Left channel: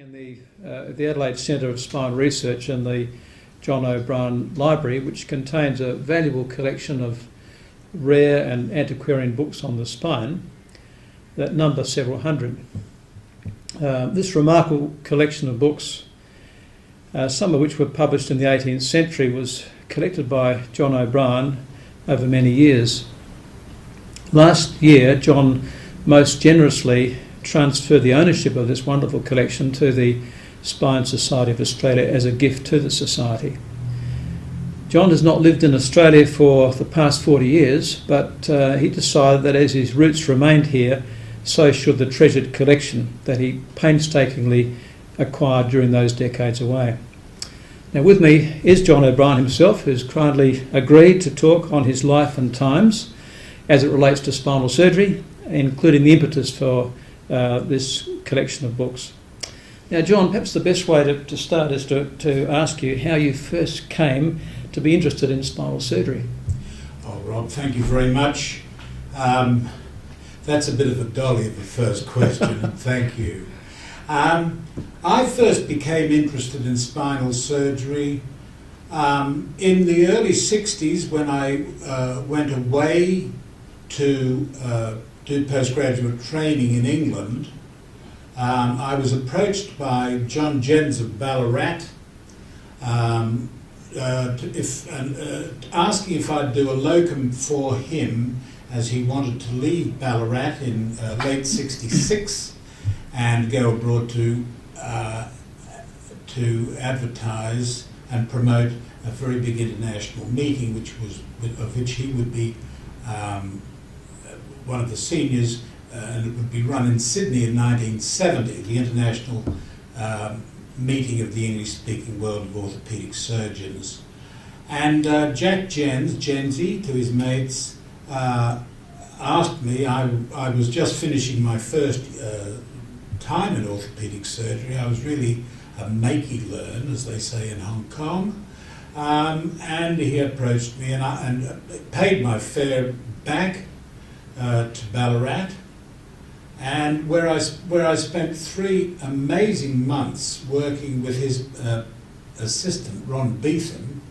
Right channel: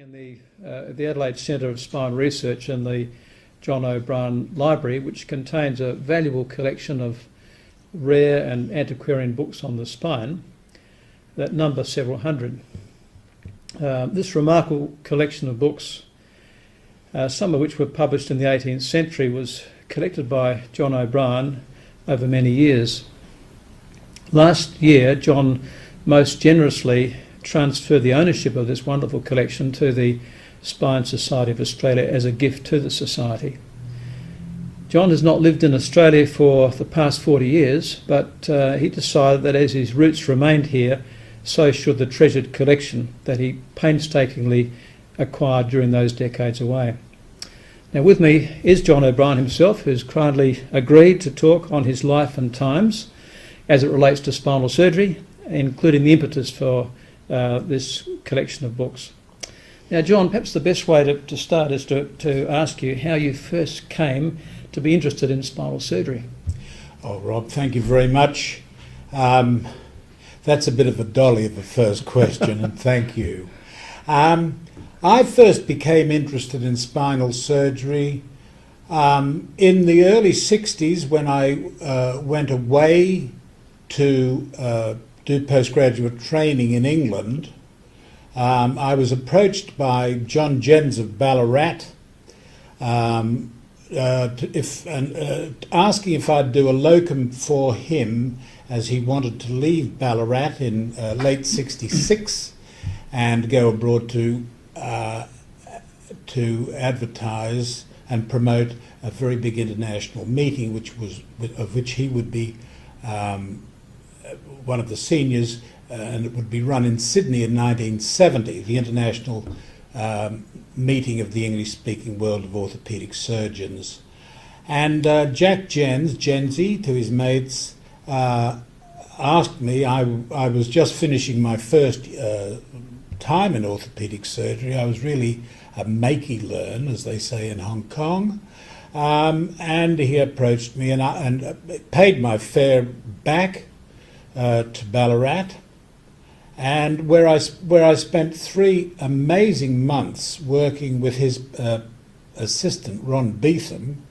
In the Adelaide Centre of Spine Research in the John O'Brien Library, which contains a valuable collection of rare and antiquarian books on the spine that number several hundred. This remarkable collection of books, some of which were published in the 18th century, was collected by John O'Brien over many years. Last year, John most generously transferred the ownership of this wonderful collection to the Spine Society of Australia as a gift to the Society. John has not lived in Australia for the past 40 years, but he decided that as his roots remained here, so should the treasured collection that he painstakingly acquired during those decades away. Now with me is John O'Brien himself, who's kindly agreed to talk on his life and times as it relates to spinal surgery, including the impetus for this collection of books. Now, John, perhaps the best way to start is to ask you how you first came to be interested in spinal surgery. Oh, Rob, thank you very much. That's a bit of a dolly of a first question, and thank you. I first became interested in spinal surgery in the early 60s when I went away to do postgraduate training in England. I was approached by John Jens of Ballarat asking if I'd do a locum for him, as he wanted to leave Ballarat in late '66 and go abroad to advertise and promote a very big international meeting, of which he would be one of the seniors, and it would be run in Sydney in 1970, the international meeting of the English-speaking world of orthopaedic surgeons. And Jack Jensi, to his mates, asked me, I was just finishing my first time in orthopaedic surgery. I was really a makey learn, as they say in Hong Kong. And he approached me and paid my fare back to Ballarat, and where I spent 3 amazing months working with his assistant Ron Beetham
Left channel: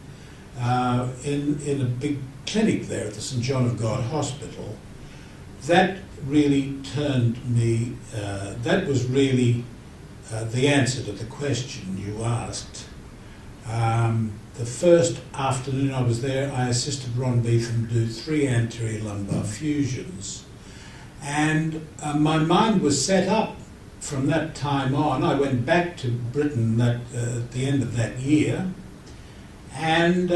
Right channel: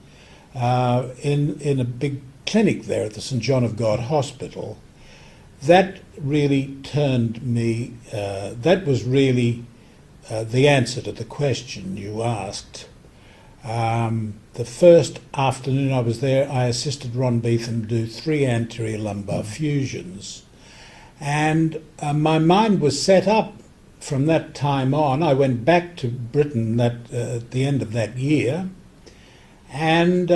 in a big clinic there at the St John of God Hospital. That really turned me. That was really the answer to the question you asked. The first afternoon I was there, I assisted Ron Beetham do 3 anterior lumbar fusions. And my mind was set up from that time on. I went back to Britain at the end of that year, and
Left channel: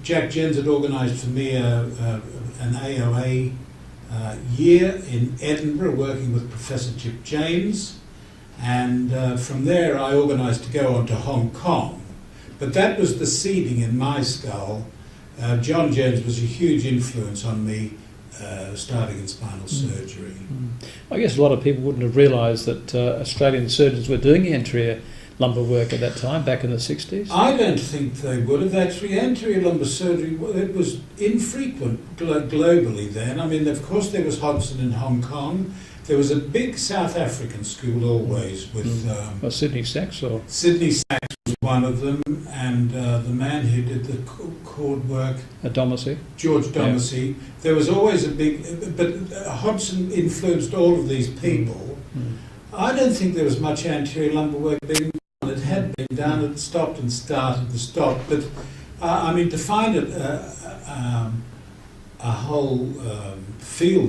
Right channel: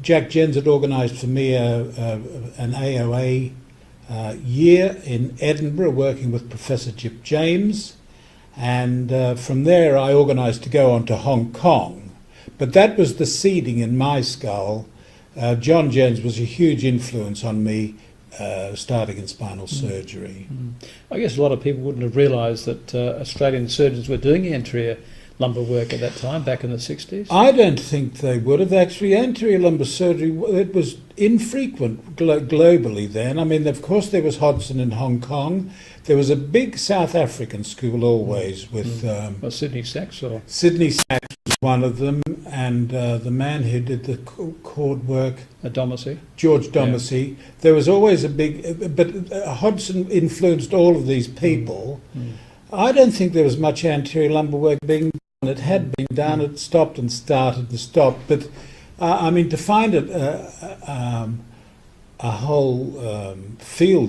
Jack Jens had organised for me an AOA year in Edinburgh, working with Professor Chip James, and from there I organised to go on to Hong Kong. But that was the seeding in my skull. John Jens was a huge influence on me starting in spinal surgery. I guess a lot of people wouldn't have realised that Australian surgeons were doing anterior lumbar work at that time, back in the 60s. I don't think they would have. Actually, anterior lumbar surgery, it was infrequent globally then. I mean, of course, there was Hodgson in Hong Kong. There was a big South African school always with... Sydney Sachs? Or Sydney Sachs was one of them, and the man who did the cord work... Domacy. George Domacy. Yeah. There was always a big... But Hodgson influenced all of these people. I don't think there was much anterior lumbar work being done. It had been done, it stopped and started and stopped. But, I mean, to find it... a whole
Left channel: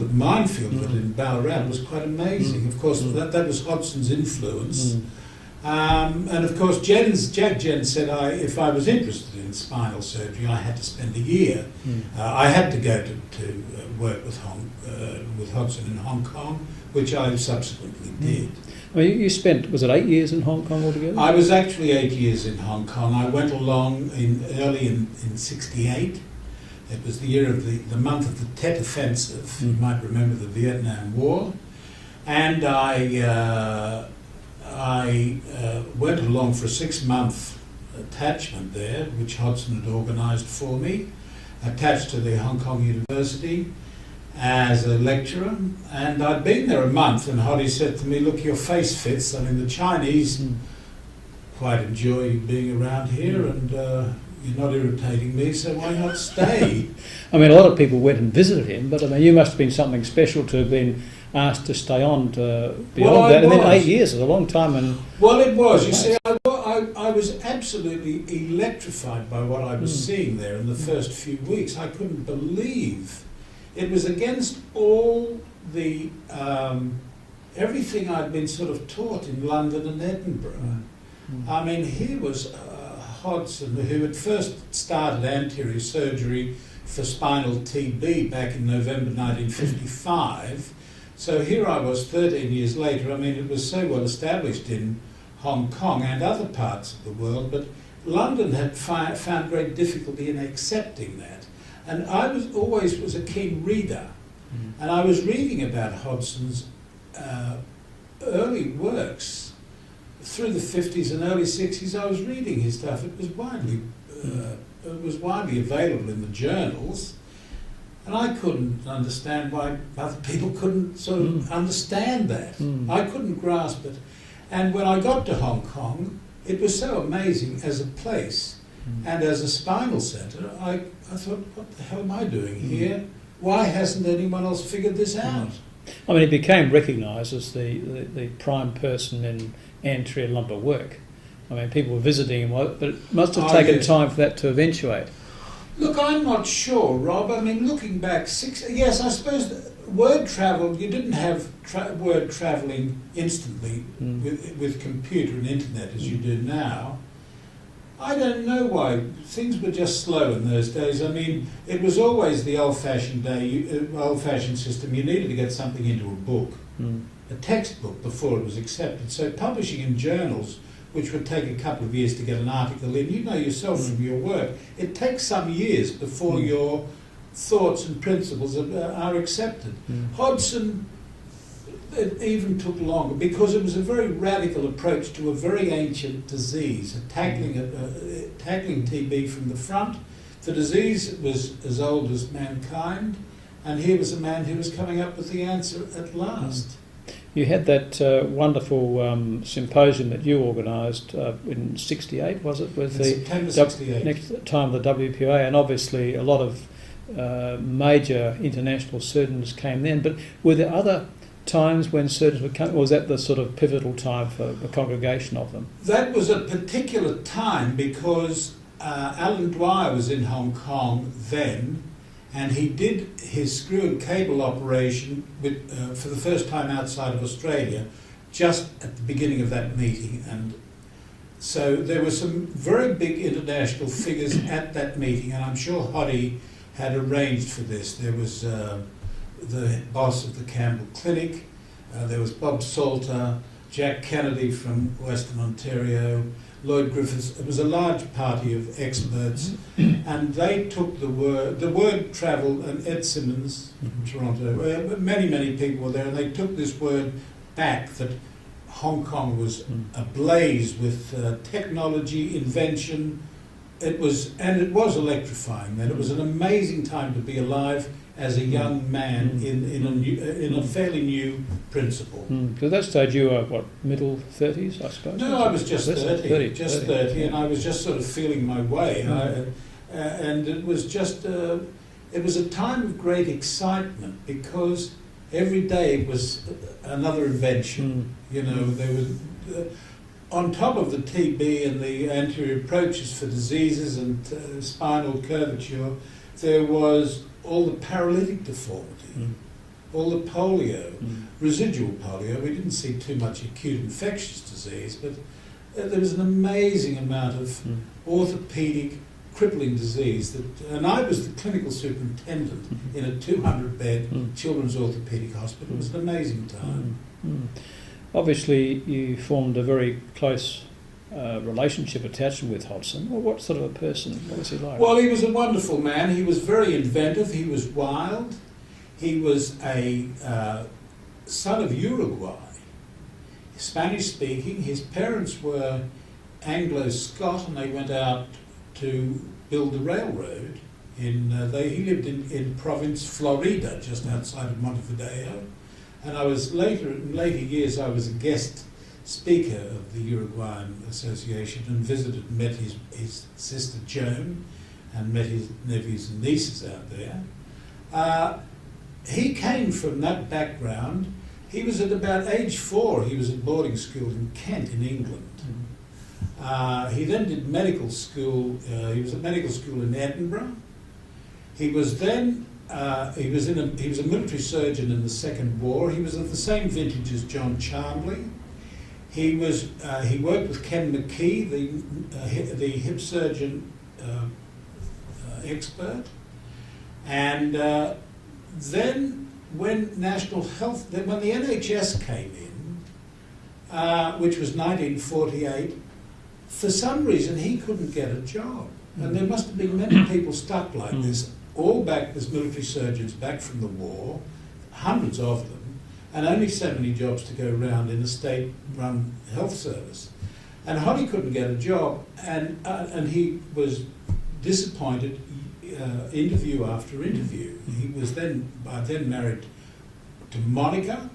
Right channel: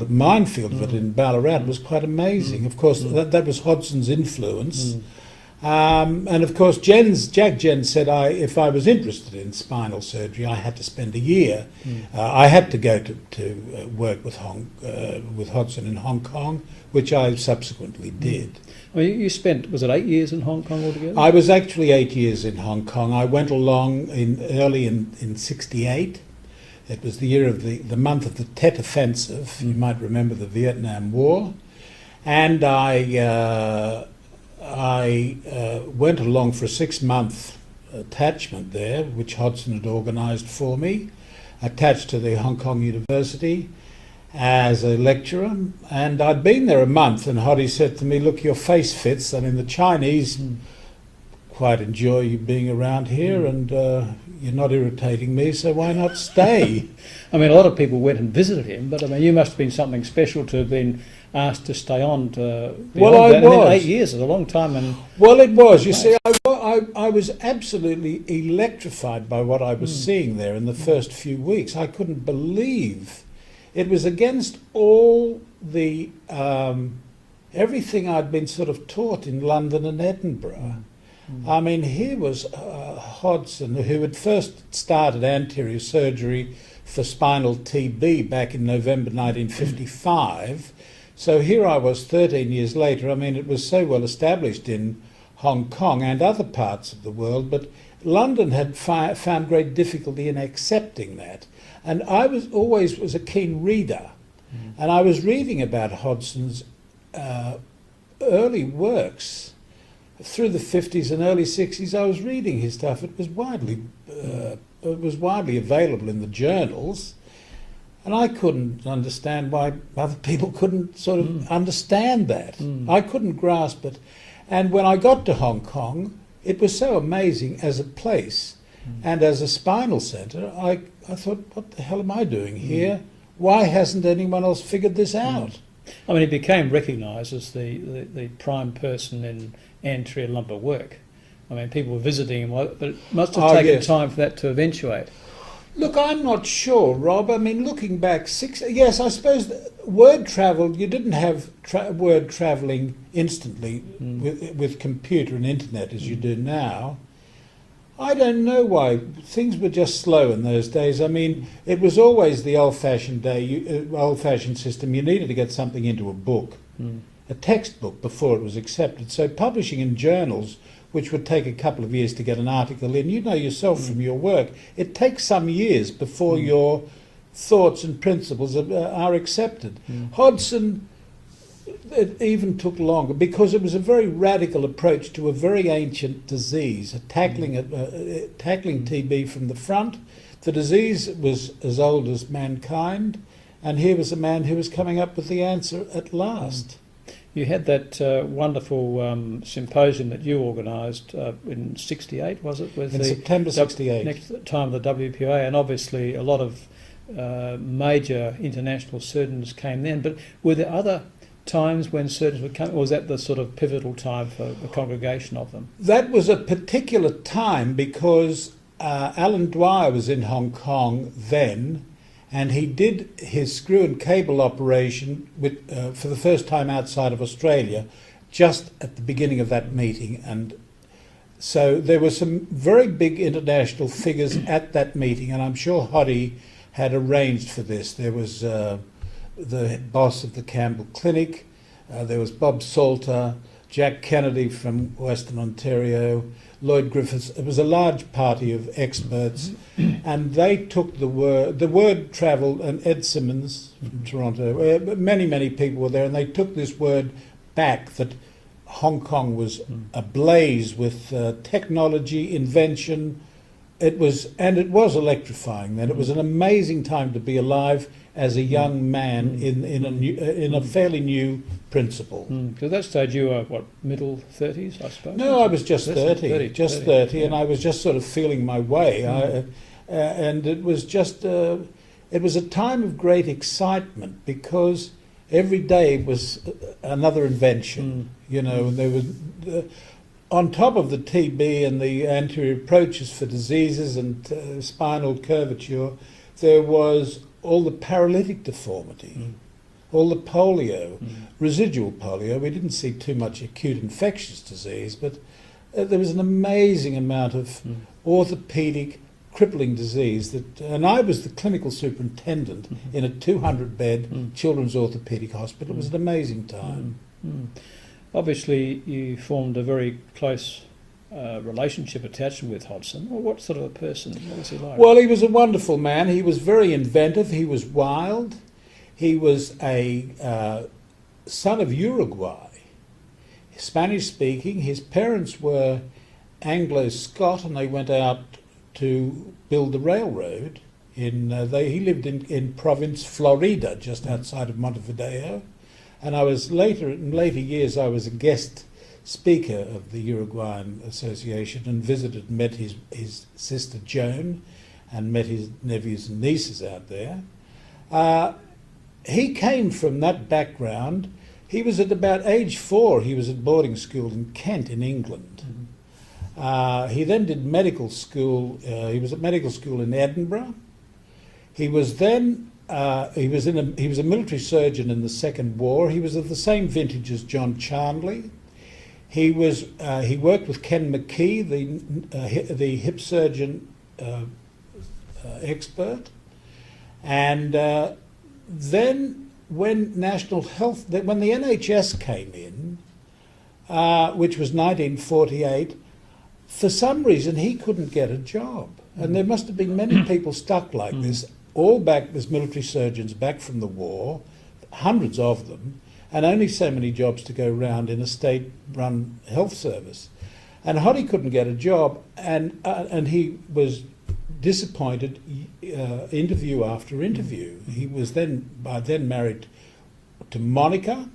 minefield of it in Ballarat was quite amazing. Of course, that was Hodgson's influence. And of course, Jack Jens said if I was interested in spinal surgery, I had to spend a year. I had to go to work with Hodgson in Hong Kong, which I subsequently did. Well, you spent, was it 8 years in Hong Kong altogether? I was actually 8 years in Hong Kong. I went along early in 68. It was the year of the month of the Tet Offensive. You might remember the Vietnam War. And I went along for a 6-month attachment there, which Hodgson had organised for me, attached to the Hong Kong University. as a lecturer, and I'd been there a month, and Hoddy said to me, "Look, your face fits. I mean, the Chinese quite enjoy you being around here, and you're not irritating me, so why not stay?" I mean, a lot of people went and visited him, but I mean, you must have been something special to have been asked to stay on to beyond that. And then 8 years is a long time. And well, it was. You see, I was absolutely electrified by what I was seeing there in the first few weeks. I couldn't believe it was against all the everything I'd been sort of taught in London and Edinburgh. I mean, here was Hodgson, who had first started anterior surgery for spinal TB back in November 1955. So here I was 13 years later. I mean, it was so well established in Hong Kong and other parts of the world, but London had found great difficulty in accepting that. And I was always a keen reader, and I was reading about Hodgson's early works through the 50s and early 60s. I was reading his stuff. It was widely available in the journals. And I couldn't understand why other people couldn't sort of understand that. I couldn't grasp it. And when I got to Hong Kong, it was so amazing as a place and as a spinal centre. I thought, what the hell am I doing here? Why hasn't anyone else figured this out? I mean, he became recognised as the prime person in anterior lumbar work. I mean, people were visiting him, but it must have taken time for that to eventuate. Look, I'm not sure, Rob. I mean, looking back, yes, I suppose word travel, you didn't have word travelling instantly with computer and internet as you do now. I don't know why. Things were just slow in those days. I mean, it was always the old-fashioned old-fashioned system. You needed to get something into a book, a textbook, before it was accepted. So publishing in journals, which would take a couple of years to get an article in. You know yourself from your work, it takes some years before your thoughts and principles are accepted. Hodgson, it even took longer because it was a very radical approach to a very ancient disease, tackling TB from the front. The disease was as old as mankind, and here was a man who was coming up with the answer at last. You had that wonderful symposium that you organised in '68, was it? With in September '68. Next time the WPA, and obviously a lot of major international surgeons came then. But were there other times when surgeons would come, or was that the sort of pivotal time for the congregation of them? That was a particular time because Alan Dwyer was in Hong Kong then, and he did his screw and cable operation for the first time outside of Australia, just at the beginning of that meeting. And so there were some very big international figures at that meeting, and I'm sure Hoddy had arranged for this. There was the boss of the Campbell Clinic, there was Bob Salter, Jack Kennedy from Western Ontario, Lloyd Griffiths. It was a large party of experts, and they took the word travelled, and Ed Simmons from Toronto, many people were there, and they took this word back that Hong Kong was ablaze with technology, invention. It was electrifying then. It was an amazing time to be alive as a young man in a fairly new principle. Because at that stage you were, what, middle 30s, I suppose? No, I was just 30, and I was just sort of feeling my way. And it was just, it was a time of great excitement because every day was another invention. You know, there was, on top of the TB and the anterior approaches for diseases and spinal curvature, there was all the paralytic deformity, all the polio, residual polio. We didn't see too much acute infectious disease, but there was an amazing amount of orthopaedic crippling disease. And I was the clinical superintendent in a 200-bed children's orthopaedic hospital. It was an amazing time. Obviously, you formed a very close relationship, attachment with Hodgson. Well, what sort of a person? What was he like? Well, he was a wonderful man. He was very inventive. He was wild. He was a son of Uruguay, Spanish-speaking. His parents were Anglo-Scot, and they went out to build the railroad he lived in province Florida, just outside of Montevideo, and in later years I was a guest speaker of the Uruguayan Association and visited and met his sister Joan and met his nephews and nieces out there. He came from that background. He was at about age 4, he was at boarding school in Kent in England. He then did medical school. He was at medical school in Edinburgh. He was then he was a military surgeon in the Second War. He was of the same vintage as John Chandley. He worked with Ken McKee, the hip surgeon expert, and then when the NHS came in, which was 1948. For some reason, he couldn't get a job. And there must have been many people stuck like this, all back as military surgeons back from the war, hundreds of them, and only so many jobs to go round in a state-run health service. And Hoddy couldn't get a job, and he was disappointed interview after interview. He was by then married to Monica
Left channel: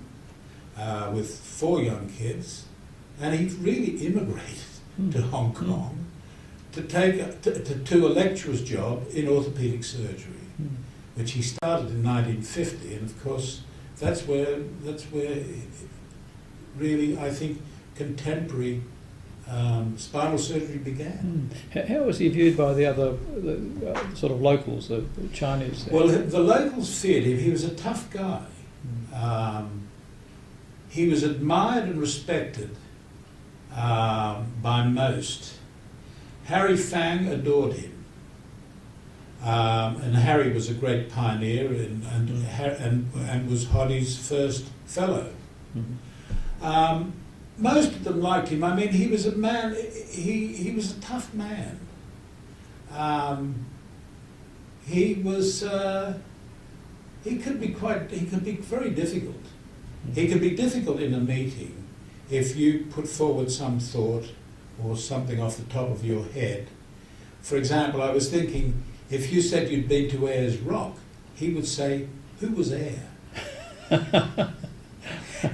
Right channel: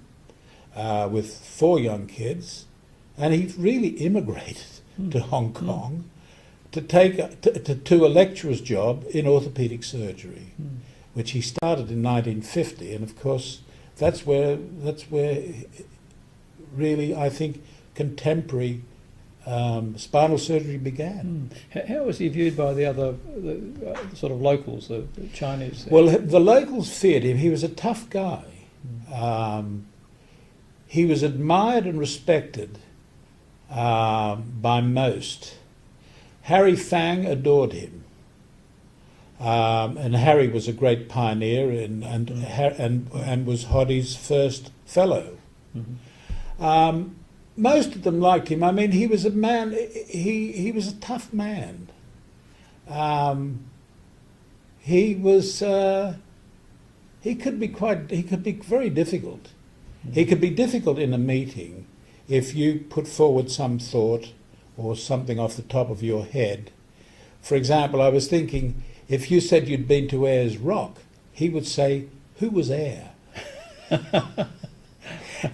with 4 young kids, and he really immigrated to Hong Kong to a lecturer's job in orthopaedic surgery, which he started in 1950, and of course that's where really I think contemporary spinal surgery began. How was he viewed by the other sort of locals, the Chinese there? Well, the locals feared him. He was a tough guy. He was admired and respected by most. Harry Fang adored him, and Harry was a great pioneer and was Hoddy's first fellow. Most of them liked him. I mean, he was a man. He was a tough man. He could be very difficult. He could be difficult in a meeting if you put forward some thought or something off the top of your head. For example, I was thinking, if you said you'd been to Ayers Rock, he would say, "Who was Ayer?"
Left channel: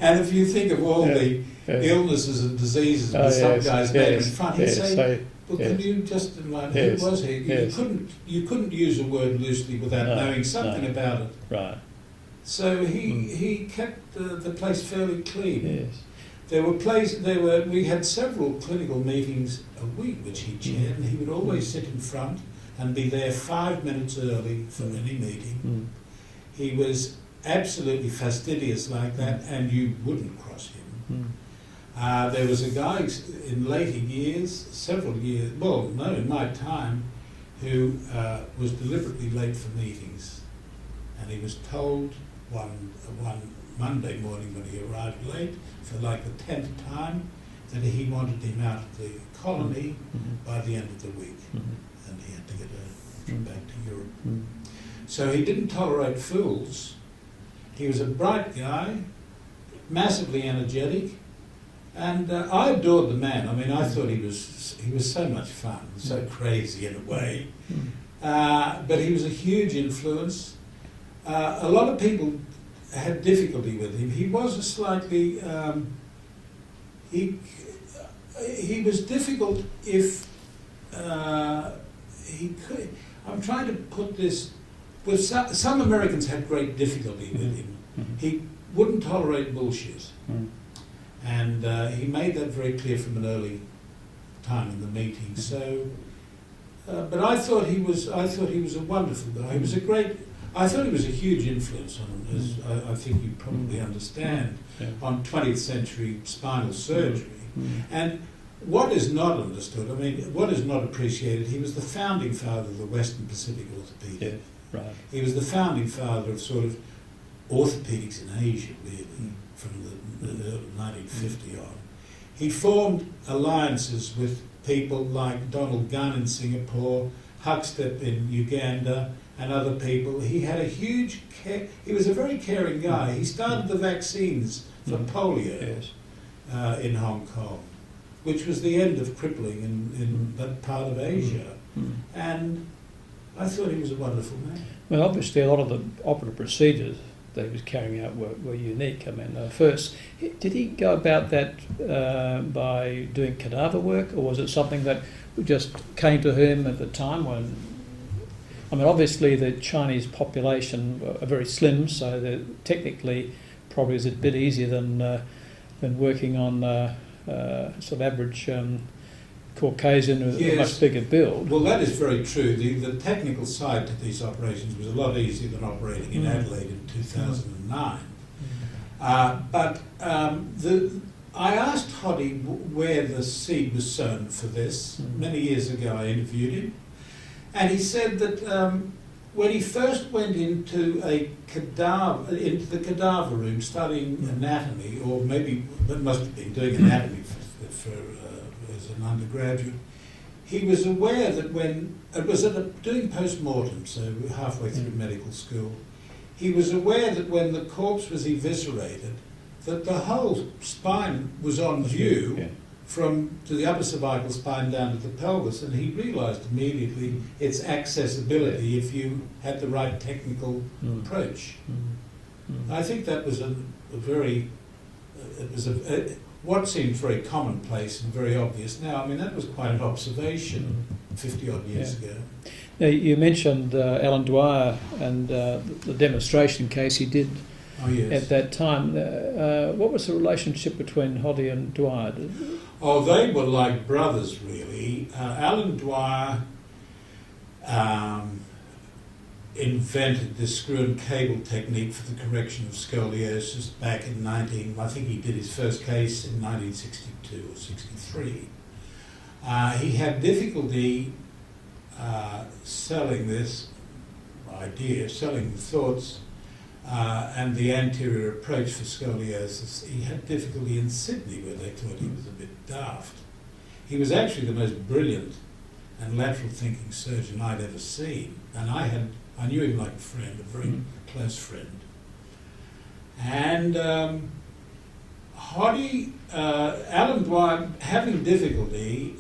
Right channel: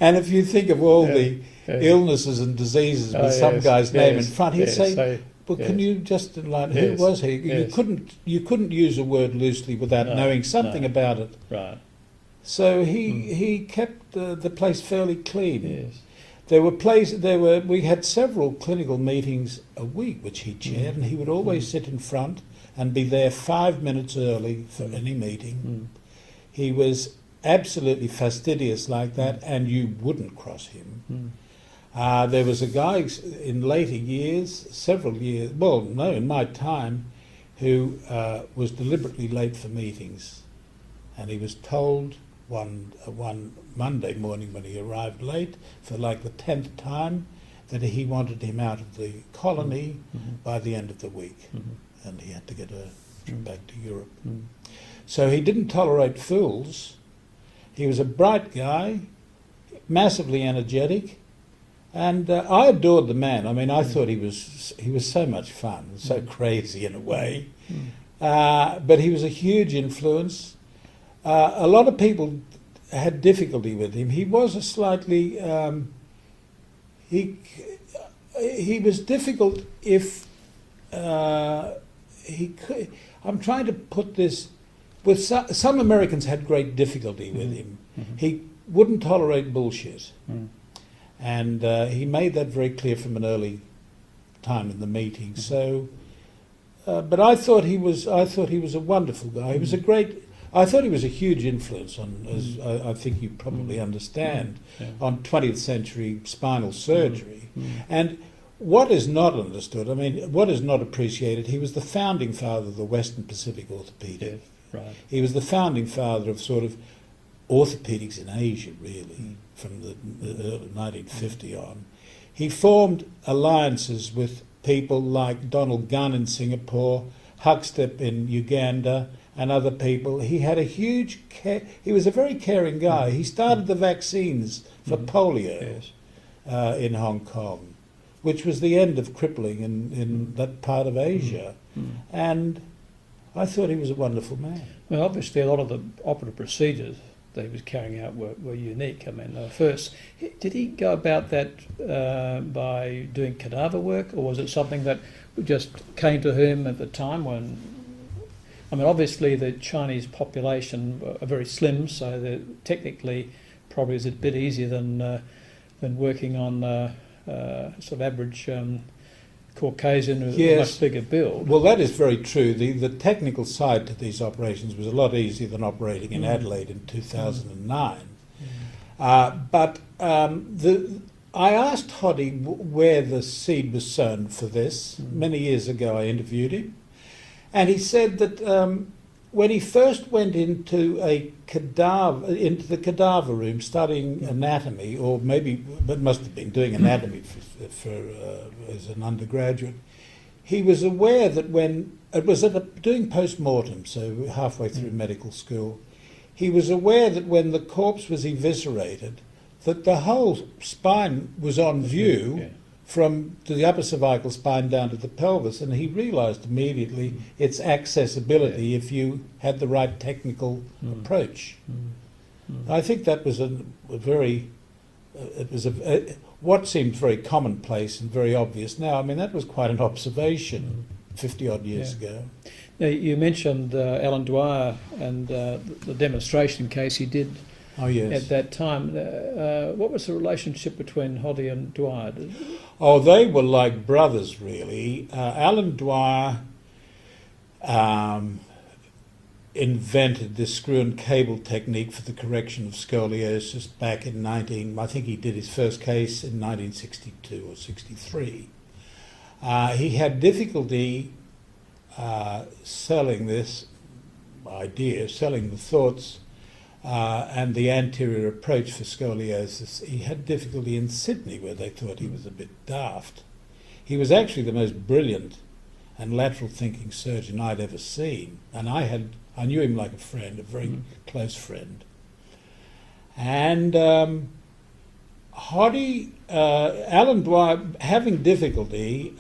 And if you think of all the illnesses and diseases with some guy's name in front, he'd say, "Well, can you just enlighten who was he?" You couldn't use a word loosely without knowing something about it. Right. So he kept the place fairly clean. Yes. We had several clinical meetings a week which he chaired, and he would always sit in front and be there 5 minutes early for any meeting. He was absolutely fastidious like that, and you wouldn't cross him. There was a guy in later years, in my time, who was deliberately late for meetings, and he was told one Monday morning when he arrived late for like the 10th time that he wanted him out of the colony by the end of the week, and he had to get a trip back to Europe. So he didn't tolerate fools. He was a bright guy, massively energetic, and I adored the man. I mean, I thought he was so much fun, so crazy in a way, but he was a huge influence. A lot of people had difficulty with him. He was a slightly he was difficult if he could. I'm trying to put this. With some Americans had great difficulty with him. He wouldn't tolerate bullshit, and he made that very clear from an early time in the meeting. So, but I thought he was a wonderful guy. He was a great. I thought he was a huge influence on, as I think you probably understand, on 20th century spinal surgery. And what is not understood, I mean, what is not appreciated, he was the founding father of the Western Pacific orthopedic. Yes, right. He was the founding father of sort of orthopedics in Asia, really, from the early 1950 on. He formed alliances with people like Donald Gunn in Singapore, Huckstep in Uganda, and other people. He had a huge he was a very caring guy. He started the vaccines for polio in Hong Kong, which was the end of crippling in that part of Asia. And I thought he was a wonderful man. Well, obviously, a lot of the operative procedures that he was carrying out were unique. I mean, first, did he go about that by doing cadaver work, or was it something that just came to him at the time when... I mean, obviously, the Chinese population are very slim, so technically probably is a bit easier than working on sort of average Caucasian with a much bigger build. Well, that is very true. The technical side to these operations was a lot easier than operating in Adelaide in 2009. But I asked Hoddy where the seed was sown for this. Many years ago I interviewed him. And he said that when he first went into the cadaver room studying anatomy, or maybe it must have been doing anatomy as an undergraduate, he was aware that when it was doing post-mortem, so halfway through medical school, he was aware that when the corpse was eviscerated, that the whole spine was on view from the upper cervical spine down to the pelvis, and he realised immediately its accessibility if you had the right technical approach. I think that was what seemed very commonplace and very obvious now. I mean, that was quite an observation 50-odd years ago. Now, you mentioned Alan Dwyer and the demonstration case he did at that time. What was the relationship between Hoddy and Dwyer? Oh, they were like brothers, really. Alan Dwyer invented this screw and cable technique for the correction of scoliosis back in I think he did his first case in 1962 or 63. He had difficulty selling this idea, selling the thoughts and the anterior approach for scoliosis. He had difficulty in Sydney, where they thought he was a bit daft. He was actually the most brilliant and lateral thinking surgeon I'd ever seen, and I knew him like a friend, a very close friend. And Alan Dwyer, having difficulty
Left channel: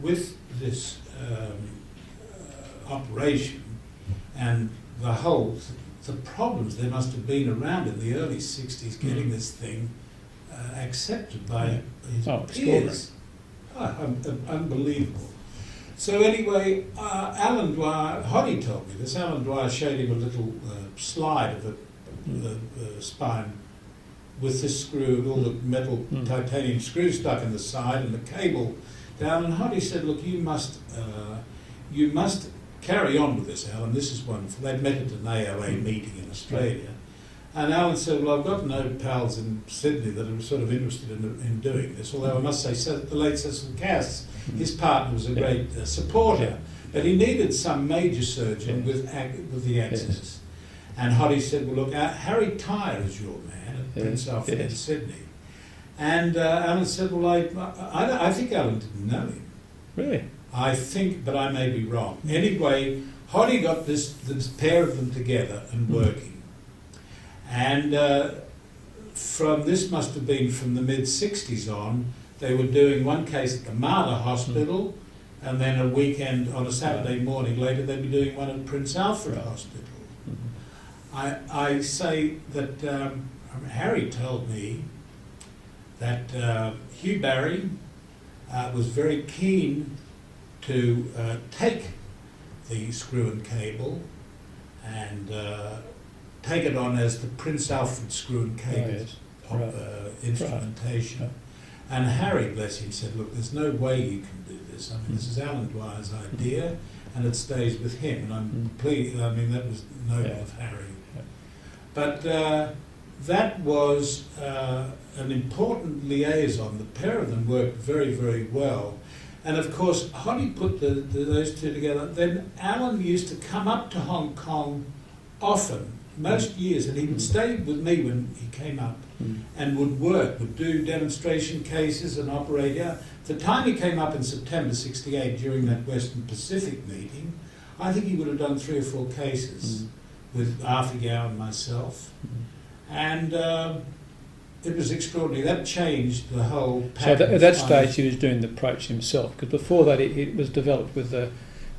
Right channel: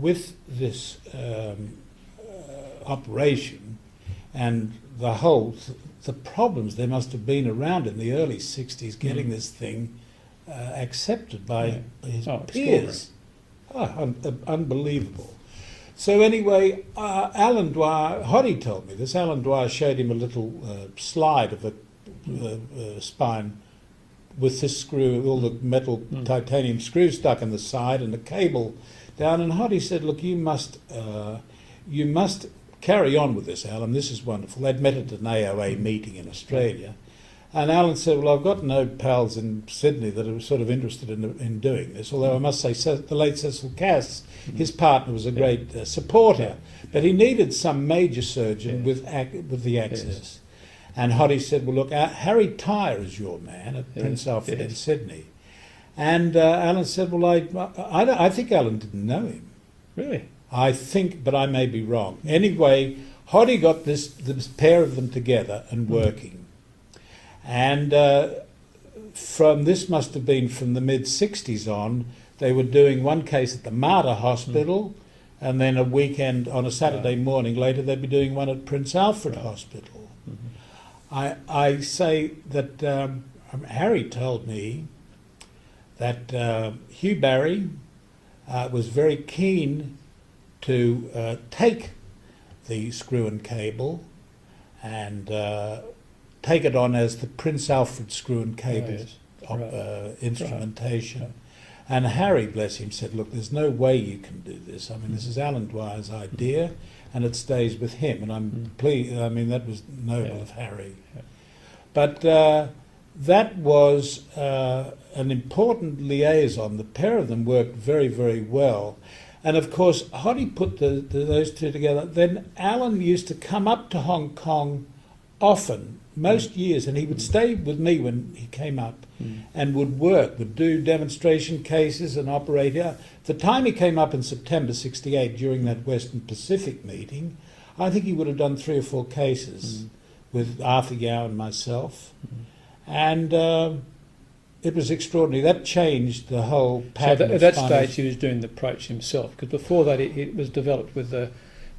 with this operation and the problems there must have been around in the early 60s getting this thing accepted by his peers. Unbelievable. So anyway, Alan Dwyer, Hoddy told me this, Alan Dwyer showed him a little slide of a spine with this screw, all the metal titanium screws stuck in the side and the cable down, and Hoddy said, look, you must carry on with this, Alan, this is wonderful. They'd met at an AOA meeting in Australia, and Alan said, well, I've got no pals in Sydney that are sort of interested in doing this, although I must say the late Cecil Cass, his partner, was a great supporter, but he needed some major surgeon with the access. And Hoddy said, well, look, Harry Tyre is your man at Prince Alfred in Sydney. And Alan said, well, I think Alan didn't know him. Really? I think, but I may be wrong. Anyway, Hoddy got this pair of them together and working. And this must have been from the mid-60s on, they were doing one case at the Mater Hospital, and then a weekend, on a Saturday morning later, they'd be doing one at Prince Alfred Hospital. I say that Harry told me that Hugh Barry was very keen to take the screw and cable and take it on as the Prince Alfred screw and cable instrumentation. Right. And Harry, bless him, said, look, there's no way you can do this. I mean, this is Alan Dwyer's idea, and it stays with him. And I'm pleased, I mean, that was noble of Harry. Yeah. But that was an important liaison. The pair of them worked very, very well. And of course, Hoddy put those two together. Then Alan used to come up to Hong Kong often, most years, and he would stay with me when he came up and would do demonstration cases and operate. The time he came up in September 68 during that Western Pacific meeting, I think he would have done 3 or 4 cases with Arthur Yao and myself. And it was extraordinary. That changed the whole pattern. So at that stage he was doing the approach himself, because before that it was developed with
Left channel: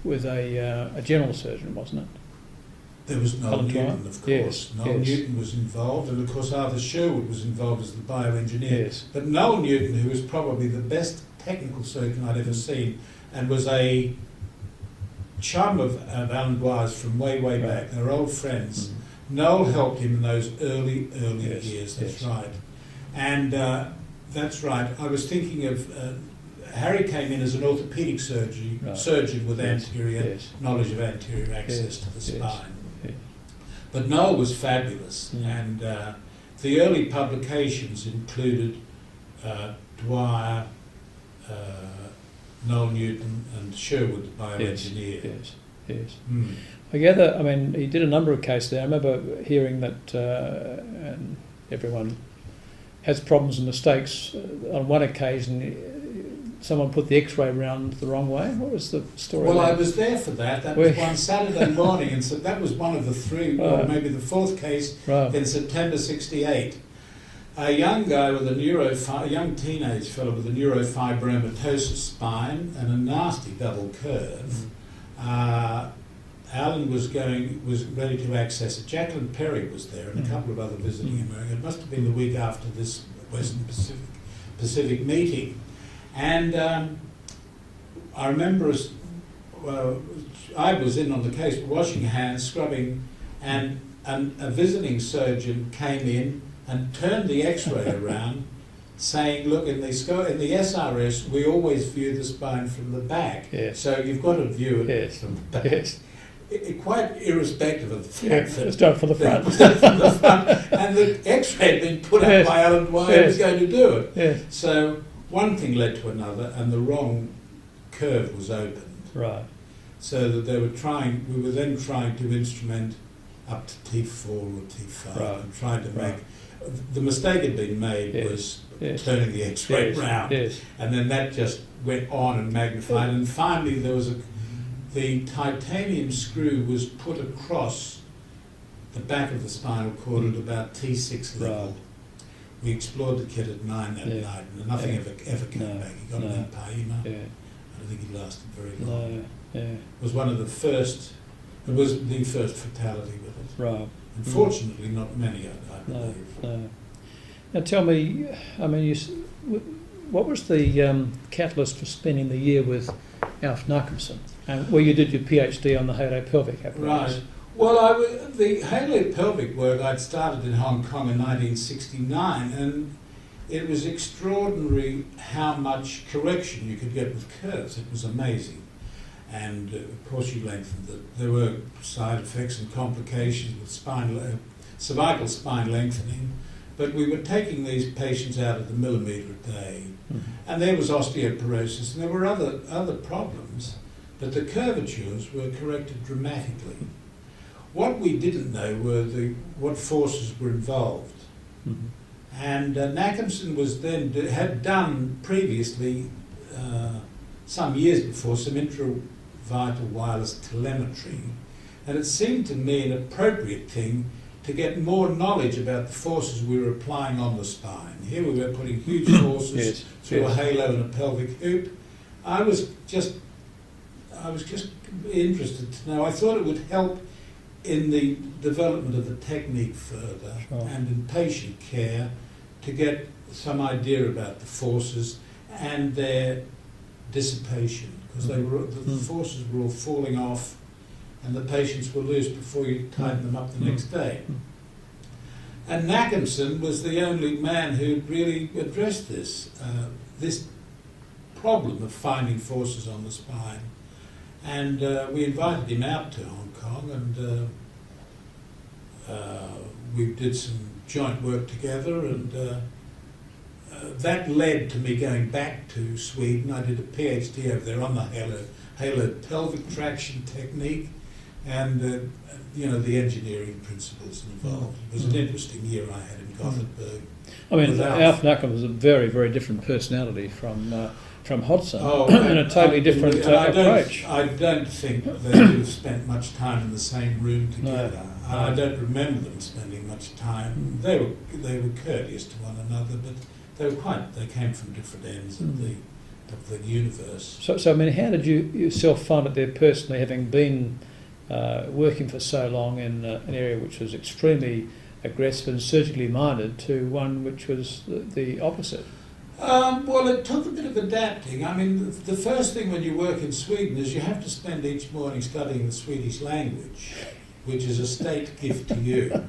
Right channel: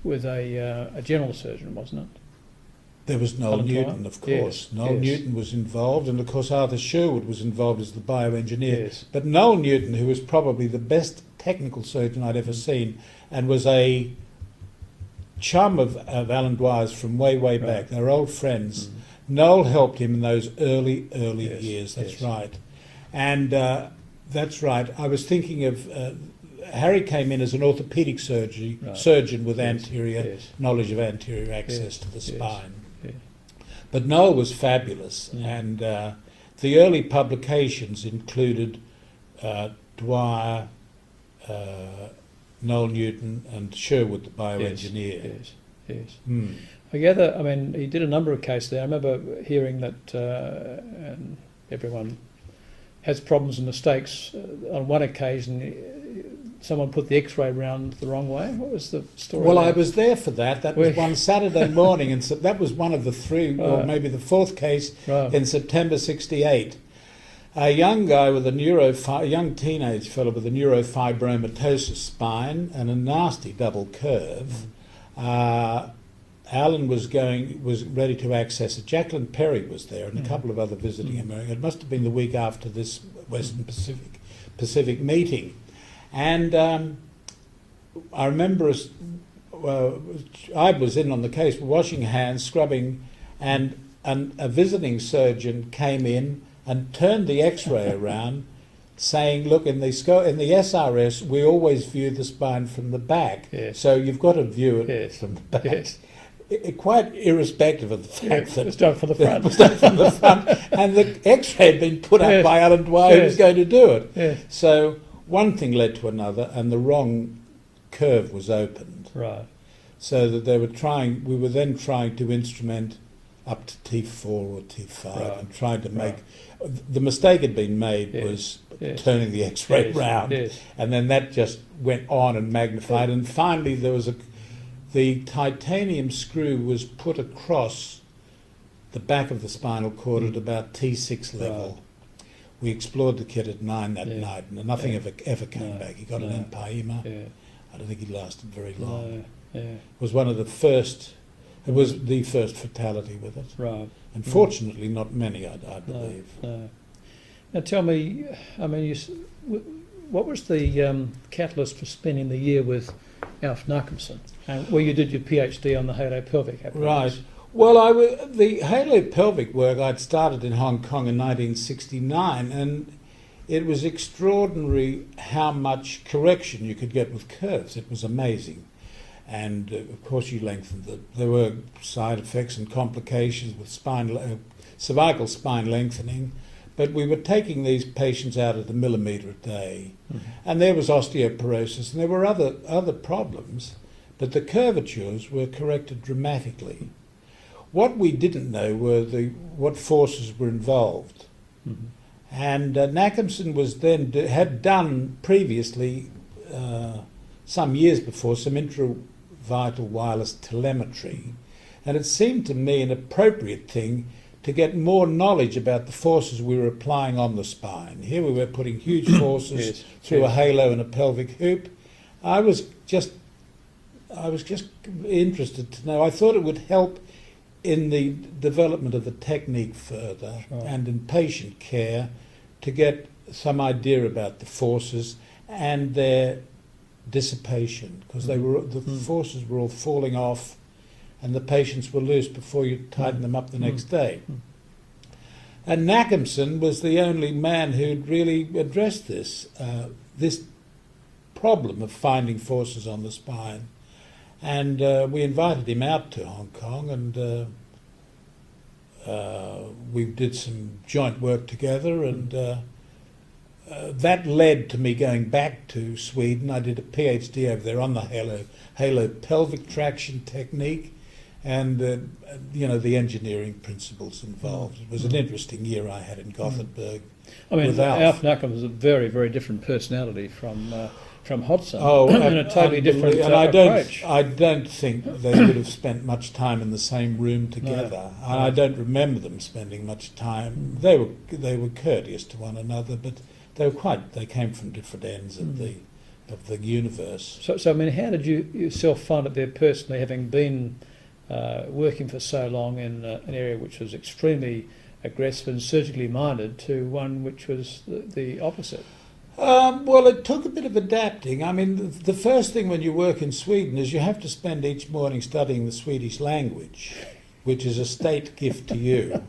with a general surgeon, wasn't it? There was Noel Alan Newton, Dwyer? of course. Yes, Noel yes. Newton was involved, and of course Arthur Sherwood was involved as the bioengineer. Yes. But Noel Newton, who was probably the best technical surgeon I'd ever seen, and was a chum of Alan Dwyer's from way Right. back. They were old friends. Mm. Noel helped him in those early Yes, years. That's yes. right. And that's right. I was thinking of Harry came in as an orthopaedic Right. surgeon with Yes, anterior yes. knowledge of anterior access Yes, to the yes. spine. Yes. But Noel was fabulous, Mm. and the early publications included Dwyer, Noel Newton, and Sherwood, the bioengineer. Yes, yes. Mm. I gather, I mean, he did a number of cases there. I remember hearing that and everyone has problems and mistakes. On one occasion, someone put the X-ray round the wrong way. What was the story? Well, there? I was there for that. That was one Saturday morning, and so that was one of the three, or Right. maybe the fourth case Right. in September '68. A young guy with a young teenage fellow with a neurofibromatosis spine and a nasty double curve. Alan was ready to access it. Jacqueline Perry was there, and a couple of other visiting Americans. It must have been the week after this Western Pacific meeting, and I remember I was in on the case, washing hands, scrubbing, and a visiting surgeon came in and turned the X-ray around, saying, "Look, in the SRS, we always view the spine from the back, Yes. so you've got to view it Yes. from the back." Yes. Quite irrespective of the fact Yeah, that it's done from the front. it was done from the front, and the X-ray had been put up Yes. by Alan Dwyer, who was Yes. going to do it. Yes. So one thing led to another, and the wrong curve was opened. Right. So that we were then trying to instrument up to T4 or T5, Right. and trying to make. Right. The mistake had been made Yes. was Yes. turning the X-ray Yes. round, Yes. and then that just went on and magnified, and finally the titanium screw was put across the back of the spinal cord at about T6 level. Right. We explored the kid at 9 that Yeah. night, and nothing Yeah. ever came No. back. He got No. an empyema. Yeah. I don't think he lasted very long. No. Yeah. It was one of the first. It was the first fatality with it. Right. Unfortunately, not many, I No. believe. No. Now tell me, I mean, what was the catalyst for spending the year with Alf Nachemson, where you did your PhD on the halopelvic apparatus? Right. Well, the halopelvic work I'd started in Hong Kong in 1969, and it was extraordinary how much correction you could get with curves. It was amazing. And of course you lengthened it. There were side effects and complications with cervical spine lengthening, but we were taking these patients out at the millimetre a day, and there was osteoporosis, and there were other problems, but the curvatures were corrected dramatically. What we didn't know were what forces were involved. Mm-hmm. And Nachemson had done previously, some years before, some intravital wireless telemetry, and it seemed to me an appropriate thing to get more knowledge about the forces we were applying on the spine. Here we were putting huge forces Yes, through yes. a halo and a pelvic hoop. I was just interested to know. I thought it would help in the development of the technique further, Sure. and in patient care, to get some idea about the forces and their dissipation, because the forces were all falling off and the patients were loose before you tighten them up the next day. And Nachemson was the only man who'd really addressed this problem of finding forces on the spine. And we invited him out to Hong Kong, and we did some joint work together, and that led to me going back to Sweden. I did a PhD over there on the halo pelvic traction technique, and the engineering principles involved. It was an interesting year I had in Gothenburg. I mean, with Alf Nachemson was a very, very different personality from Hodgson, Oh, and a totally different and approach. I don't think they would have spent much time in the same room together. No. I don't remember them spending much time. They were courteous to one another, but they came from different ends of of the universe. So I mean, how did you yourself find it there personally, having been working for so long in an area which was extremely aggressive and surgically minded, to one which was the opposite? Well, it took a bit of adapting. I mean, the first thing when you work in Sweden is you have to spend each morning studying the Swedish language, which is a state gift to you.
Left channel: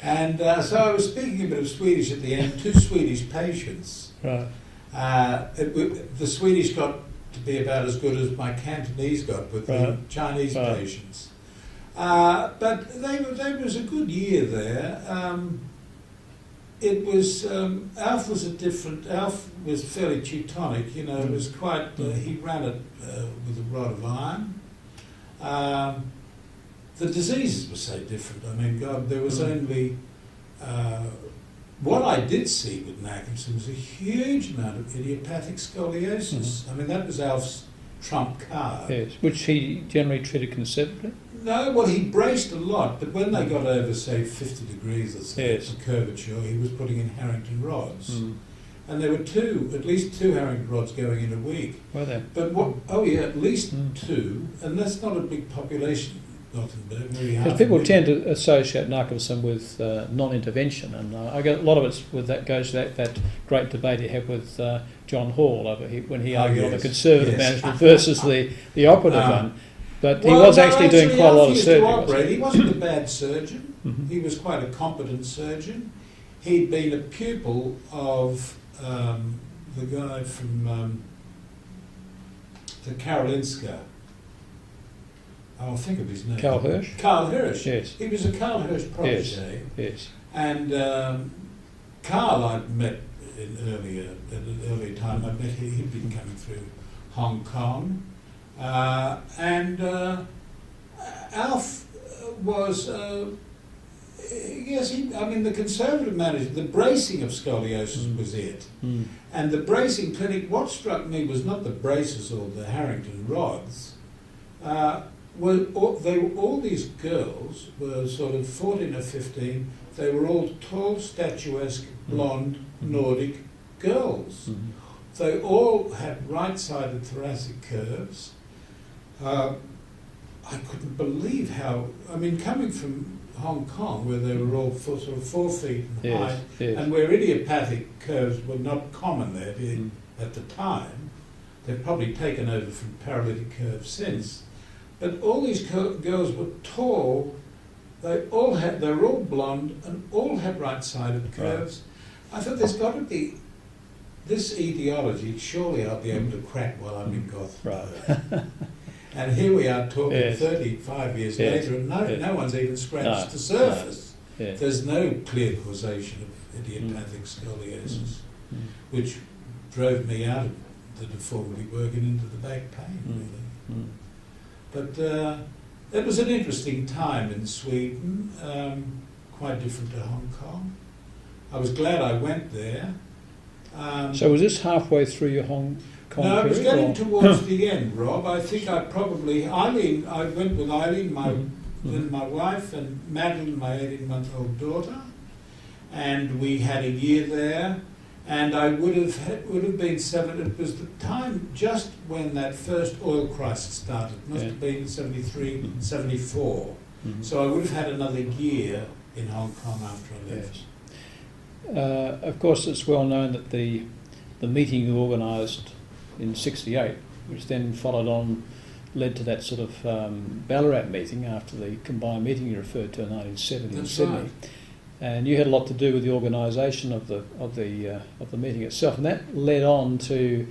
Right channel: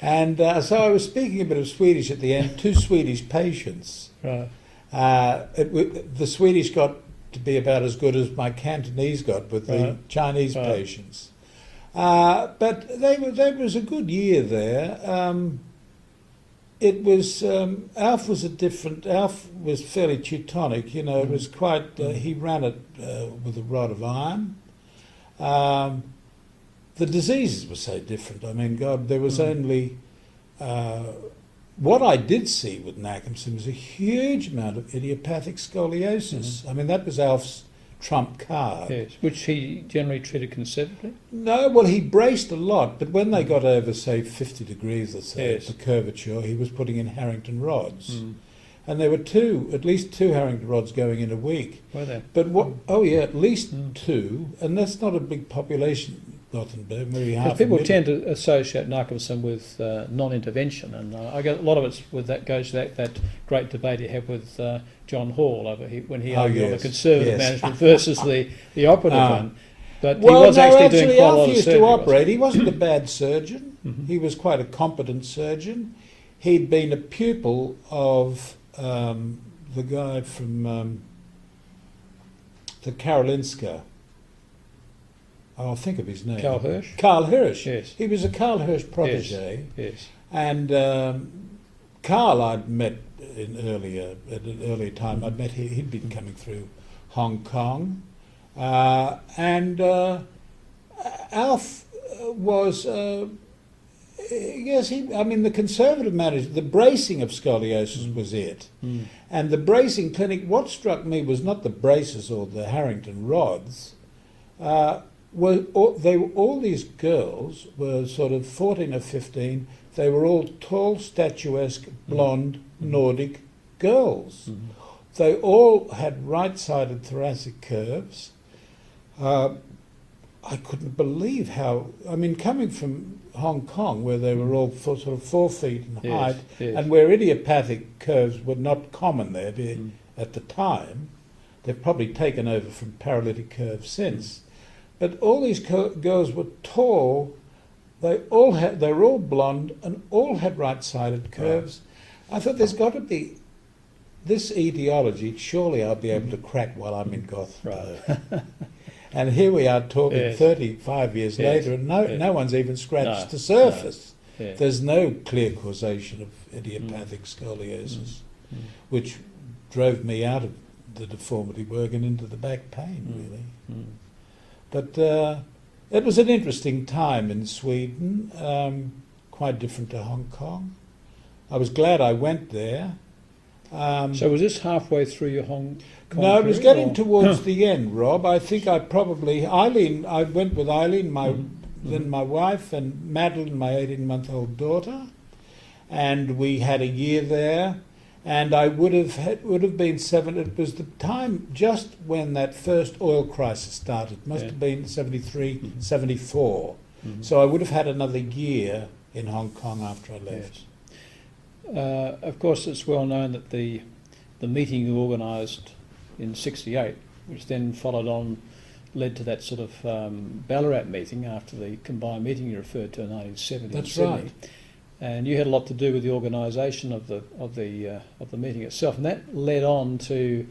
And so I was speaking a bit of Swedish at the end to Swedish patients. Right. The Swedish got to be about as good as my Cantonese got with the Chinese patients. But they was a good year there. It was Alf was Alf was fairly Teutonic, you know. It was quite. He ran it with a rod of iron. The diseases were so different. I mean, God, there was only. What I did see with Nackerson was a huge amount of idiopathic scoliosis. I mean, that was Alf's trump card. Yes, which he generally treated conservatively. No, well, he braced a lot, but when they got over, say, 50 degrees or so, Yes. the curvature, he was putting in Harrington rods. And there were at least two Harrington rods going in a week. Were there? But what? Oh yeah, at least two, and that's not a big population. Gothenburg, maybe half. Because people tend to associate narcolepsy with non-intervention, and I get a lot of it's with that goes to that great debate he had with John Hall when he argued on the conservative management versus the operative one. But he was actually doing quite a lot of surgery. To operate. He wasn't a bad surgeon. He was quite a competent surgeon. He'd been a pupil of the guy from the Karolinska. I'll think of his name. Karl Hirsch? Karl Hirsch. Yes. He was a Karl Hirsch protege. Yes. And Karl I'd met at an earlier time. I'd met him. He'd been coming through Hong Kong. And Alf was... yes, the conservative management, the bracing of scoliosis was it. And the bracing clinic, what struck me was not the braces or the Harrington rods. All these girls were sort of 14 or 15. They were all tall, statuesque, blonde, Nordic girls. They all had right-sided thoracic curves. I couldn't believe how... I mean, coming from Hong Kong, where they were all sort of 4 feet in height, and where idiopathic curves were not common there at the time, they've probably taken over from paralytic curves since. But all these girls were tall. They were all blonde and all had right-sided curves. Right. I thought there's got to be this etiology. Surely I'll be able to crack while I'm in Gothenburg. Right. And here we are talking 35 years later, and no one's even scratched the surface. No. Yeah. There's no clear causation of idiopathic scoliosis, which drove me out of the deformity work and into the back pain, really. But it was an interesting time in Sweden, quite different to Hong Kong. I was glad I went there. So was this halfway through your Hong Kong No, it was period, getting towards the end, Rob. I think I went with Eileen, then my wife, and Madeline, my 18-month-old daughter, and we had a year there. And I would have been 7. It was the time just when that first oil crisis started. Must have been 73, 74. So I would have had another year in Hong Kong after I left. Yes. Of course, it's well known that the meeting you organised in '68, which then led to that sort of Ballarat meeting after the combined meeting you referred to in 1970 in Sydney. Right. And you had a lot to do with the organisation of the meeting itself, and that led on to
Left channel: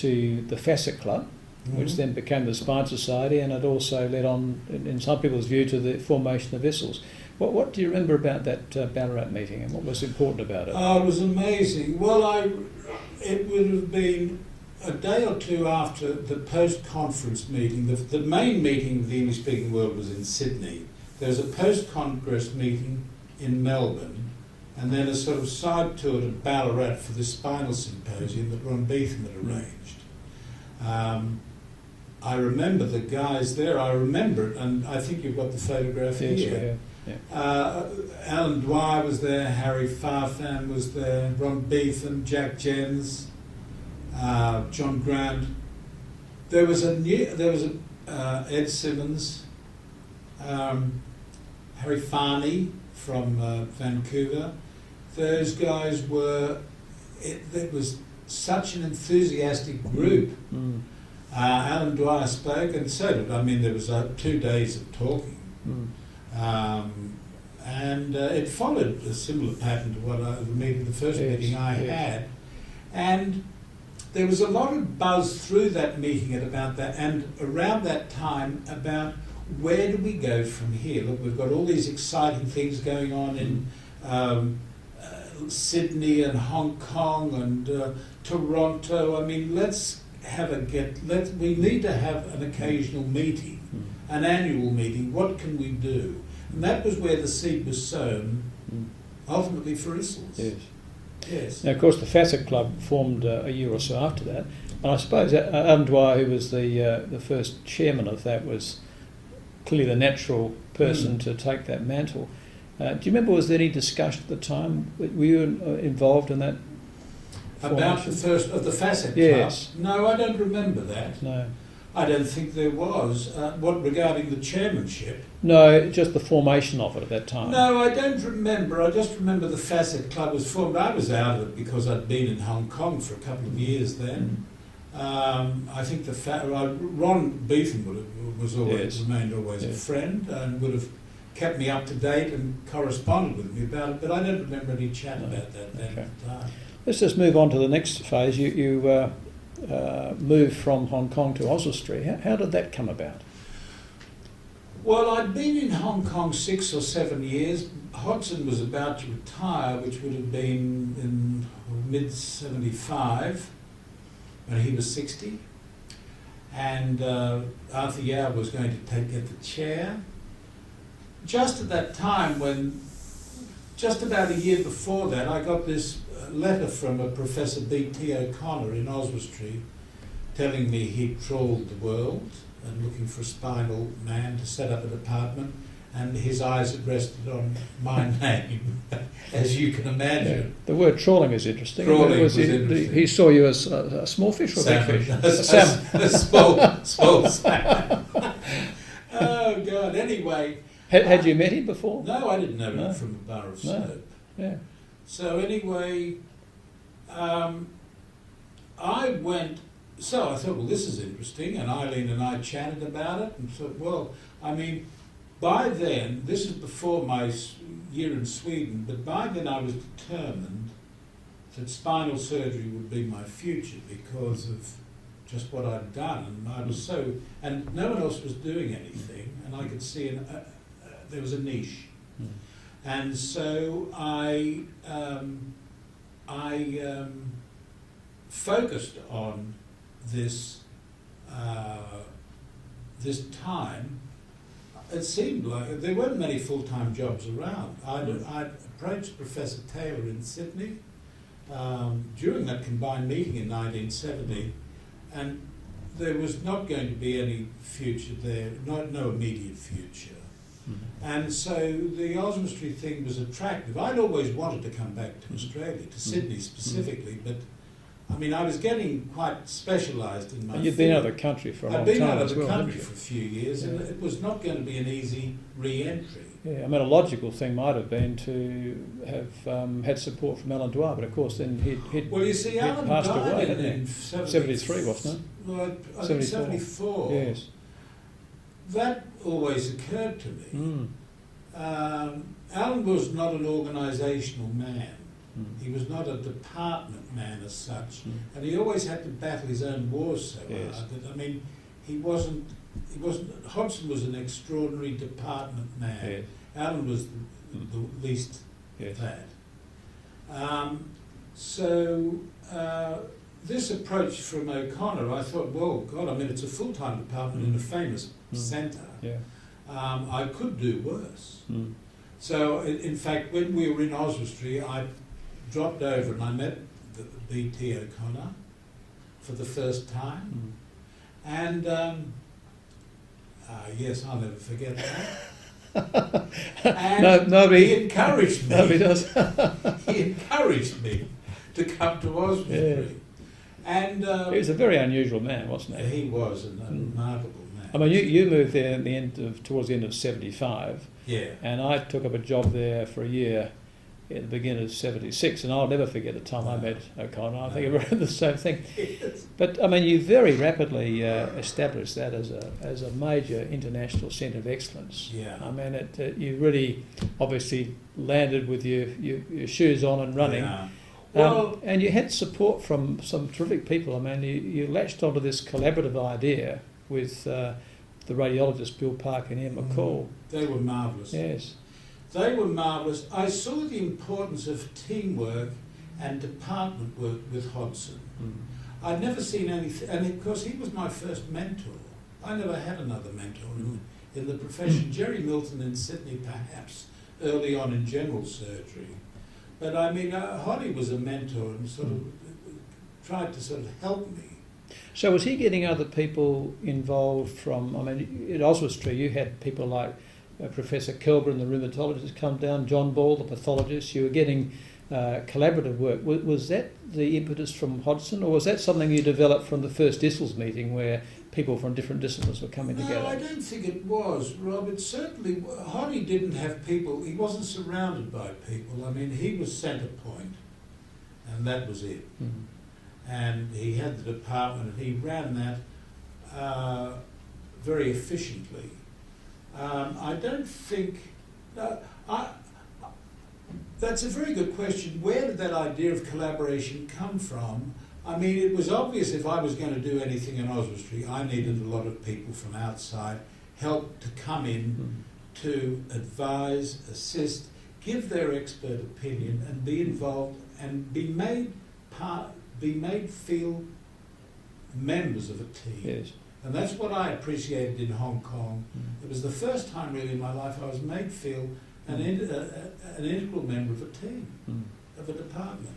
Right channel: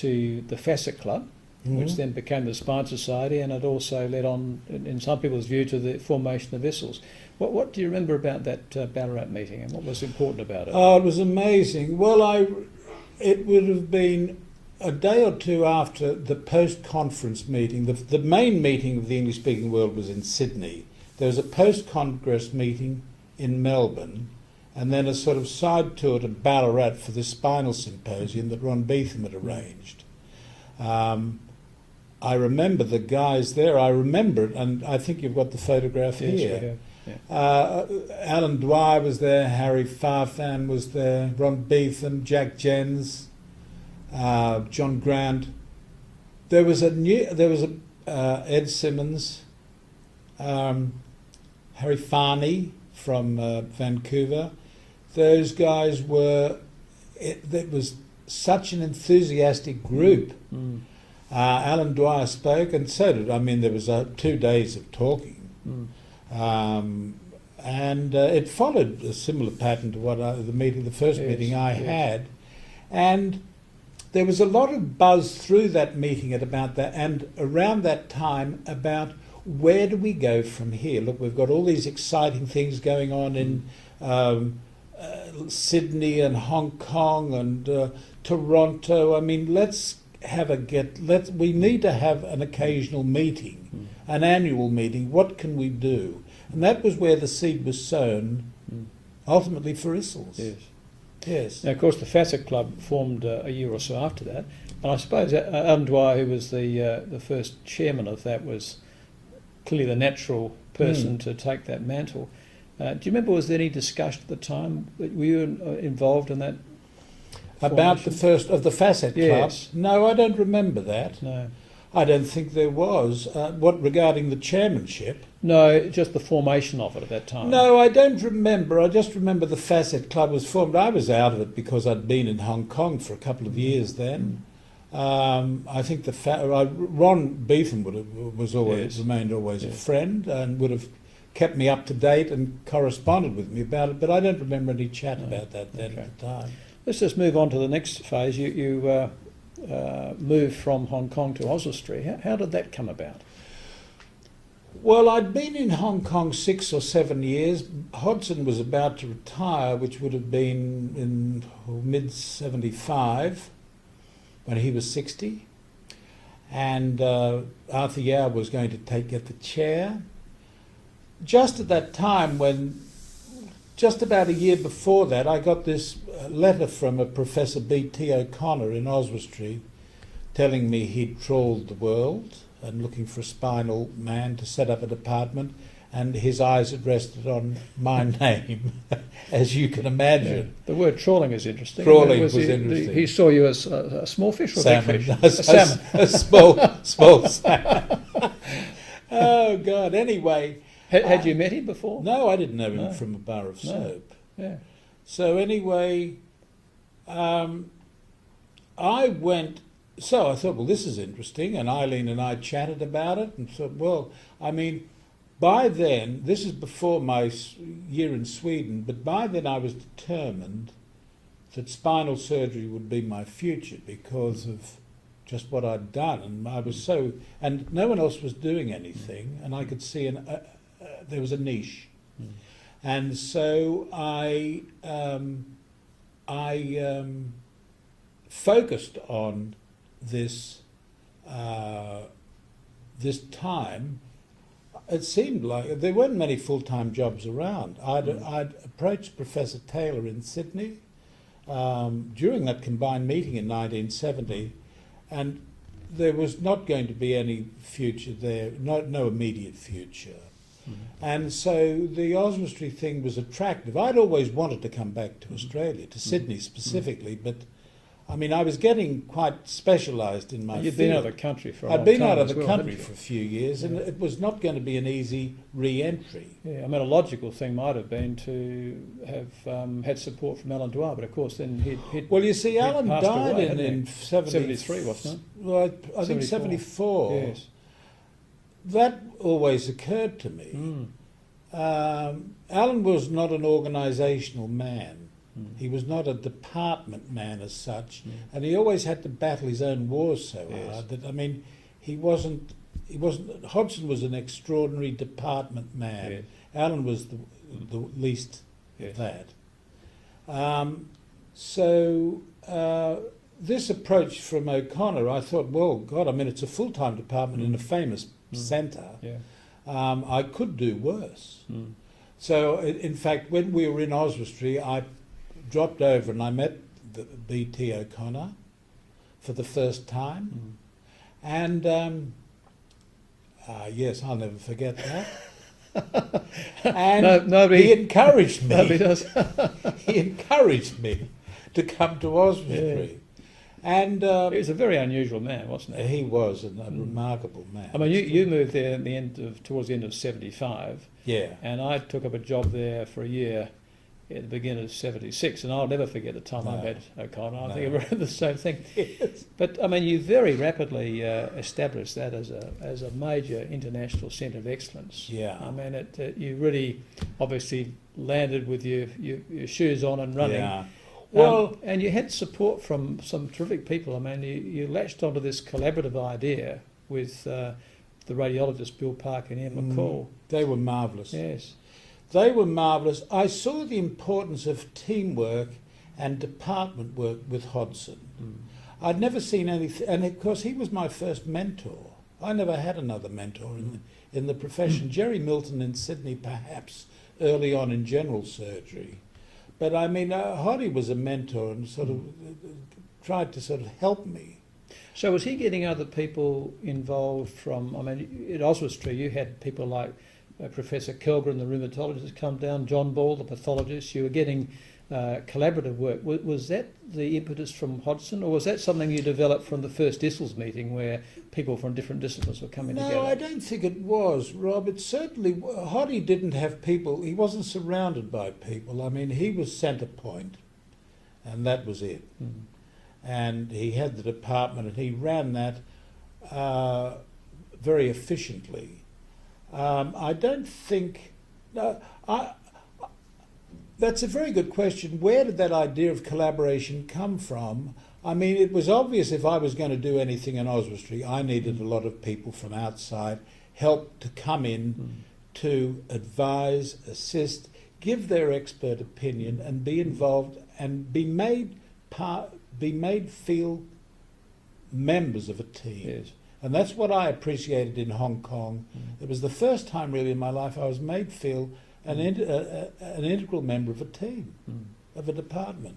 the Facet Club, which then became the Spine Society, and it also led on, in some people's view, to the formation of Vissels. What do you remember about that Ballarat meeting, and what was important about it? Oh, it was amazing. Well, it would have been a day or two after the post-conference meeting. The main meeting of the English-speaking world was in Sydney. There was a post-congress meeting in Melbourne, and then a sort of side tour to Ballarat for the spinal symposium that Ron Beetham had arranged. I remember the guys there. I remember it, and I think you've got the photograph here. Yes, we have. Yeah. Alan Dwyer was there, Harry Farfan was there, Ron Beetham, Jack Jens, John Grant. There was Ed Simmons, Harry Farney from Vancouver. Those guys it was such an enthusiastic group. Alan Dwyer spoke, and so did, there was 2 days of talking. And it followed a similar pattern to what the first meeting I had. And there was a lot of buzz through that meeting about that, and around that time about where do we go from here. Look, we've got all these exciting things going on in Sydney and Hong Kong and Toronto. We need to have an occasional meeting, an annual meeting. What can we do? And that was where the seed was sown, ultimately for Issels. Yes. Now, of course, the Facet Club formed a year or so after that, and I suppose Alan Dwyer, who was the first chairman of that, was clearly the natural person to take that mantle. Do you remember, was there any discussion at the time? Were you involved in that? About the first of the Facet Club? Yes. No, I don't remember that. No. I don't think there was. What regarding the chairmanship? No, just the formation of it at that time. No, I don't remember. I just remember the Facet Club was formed. I was out of it because I'd been in Hong Kong for a couple of years then. I think Ron Beetham remained always a friend and would have kept me up to date and corresponded with me about it, but I don't remember any chat about that then at the time. Let's just move on to the next phase. You moved from Hong Kong to Oswestry. How did that come about? Well, I'd been in Hong Kong 6 or 7 years. Hodgson was about to retire, which would have been in mid-75, when he was 60. And Arthur Yao was going to get the chair. Just at that time, just about a year before that, I got this letter from a Professor B.T. O'Connor in Oswestry telling me he'd trawled the world and looking for a spinal man to set up a department, and his eyes had rested on my name, as you can imagine. Yeah. The word trawling is interesting. Trawling was interesting. He saw you as a small fish or salmon. a big fish? A salmon. A small salmon. Oh, God. Anyway. Had you met him before? No, I didn't know him from a bar of soap. Yeah. So anyway, I went... So I thought, well, this is interesting, and Eileen and I chatted about it and thought, well, by then, this is before my year in Sweden, but by then I was determined that spinal surgery would be my future because of just what I'd done, and I was and no one else was doing anything, and I could see there was a niche, and so I focused on this time. It seemed like there weren't many full-time jobs around. I'd approached Professor Taylor in Sydney during that combined meeting in 1970, and there was not going to be any future there, no immediate future. And so the Oswestry thing was attractive. I'd always wanted to come back to Australia, to Sydney specifically, but I was getting quite specialised in my field. You'd been out of the country for a long time. I'd been out of the well, country for a few years, and it was not going to be an easy re-entry. Yeah, a logical thing might have been to have had support from Alan Dwyer, but of course then he'd Well, you see, Alan died away, in 73, wasn't it? Well, I think 74. Yes. That always occurred to me. Alan was not an organisational man. He was not a department man as such, and he always had to battle his own wars so hard that he wasn't. Hodgson was an extraordinary department man. Yes. Alan was the least that. This approach from O'Connor, I thought, well, God, it's a full-time department in a famous centre. Yeah. I could do worse. So, in fact, when we were in Oswestry, I dropped over and I met the B.T. O'Connor for the first time. And, yes, I'll never forget that. And he encouraged me. Nobody does. He encouraged me to come to Oswestry. And He was a very unusual man, wasn't he? he was a remarkable man. I mean, you moved there towards the end of '75, Yeah. and I took up a job there for a year at the beginning of '76, and I'll never forget the time I No. met O'Connor. I No. think I the same thing. Yes. But I mean, you very rapidly established that as a major international centre of excellence. Yeah. I mean, you really obviously landed with your shoes on and running. Yeah. Well, And you had support from some terrific people. I mean, you latched onto this collaborative idea with the radiologist Bill Parker and Ian McCall. they were marvellous. Yes. They were marvellous. I saw the importance of teamwork and department work with Hodson. I'd never seen anything, and of course he was my first mentor. I never had another mentor in the profession. Jerry Milton in Sydney, perhaps, early on in general surgery. But I mean, Hoddy was a mentor and sort of tried to sort of help me. So was he getting other people involved from, I mean, at Oswestry you had people like Professor Kelgren, the rheumatologist, come down, John Ball, the pathologist. You were getting collaborative work. Was that the impetus from Hodgson, or was that something you developed from the first DISLS meeting where people from different disciplines were coming together? No, I don't think it was, Rob. It certainly, Hoddy didn't have people, he wasn't surrounded by people. I mean, he was centre point, and that was it. And he had the department, and he ran that very efficiently. I don't think... that's a very good question. Where did that idea of collaboration come from? I mean, it was obvious if I was going to do anything in Oswestry, I needed a lot of people from outside, help to come in to advise, assist, give their expert opinion, and be involved and be made feel members of a team. Yes. And that's what I appreciated in Hong Kong. It was the first time really in my life I was made feel an integral member of a team, of a department.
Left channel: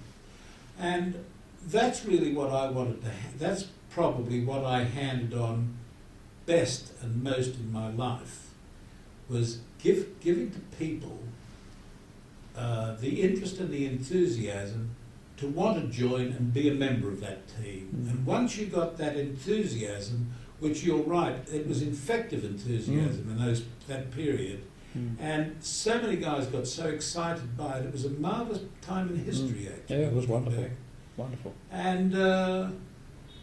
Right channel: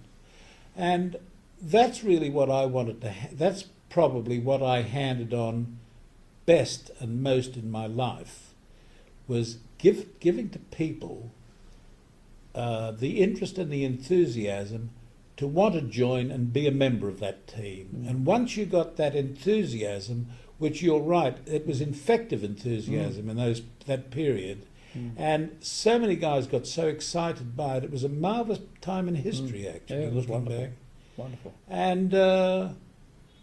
And that's really what I wanted to... that's probably what I handed on best and most in my life, was giving to people the interest and the enthusiasm to want to join and be a member of that team. And once you got that enthusiasm, which you're right, it was infective enthusiasm in that period, and so many guys got so excited by it. It was a marvellous time in history, actually. Yeah, it was looking wonderful. back. Wonderful. And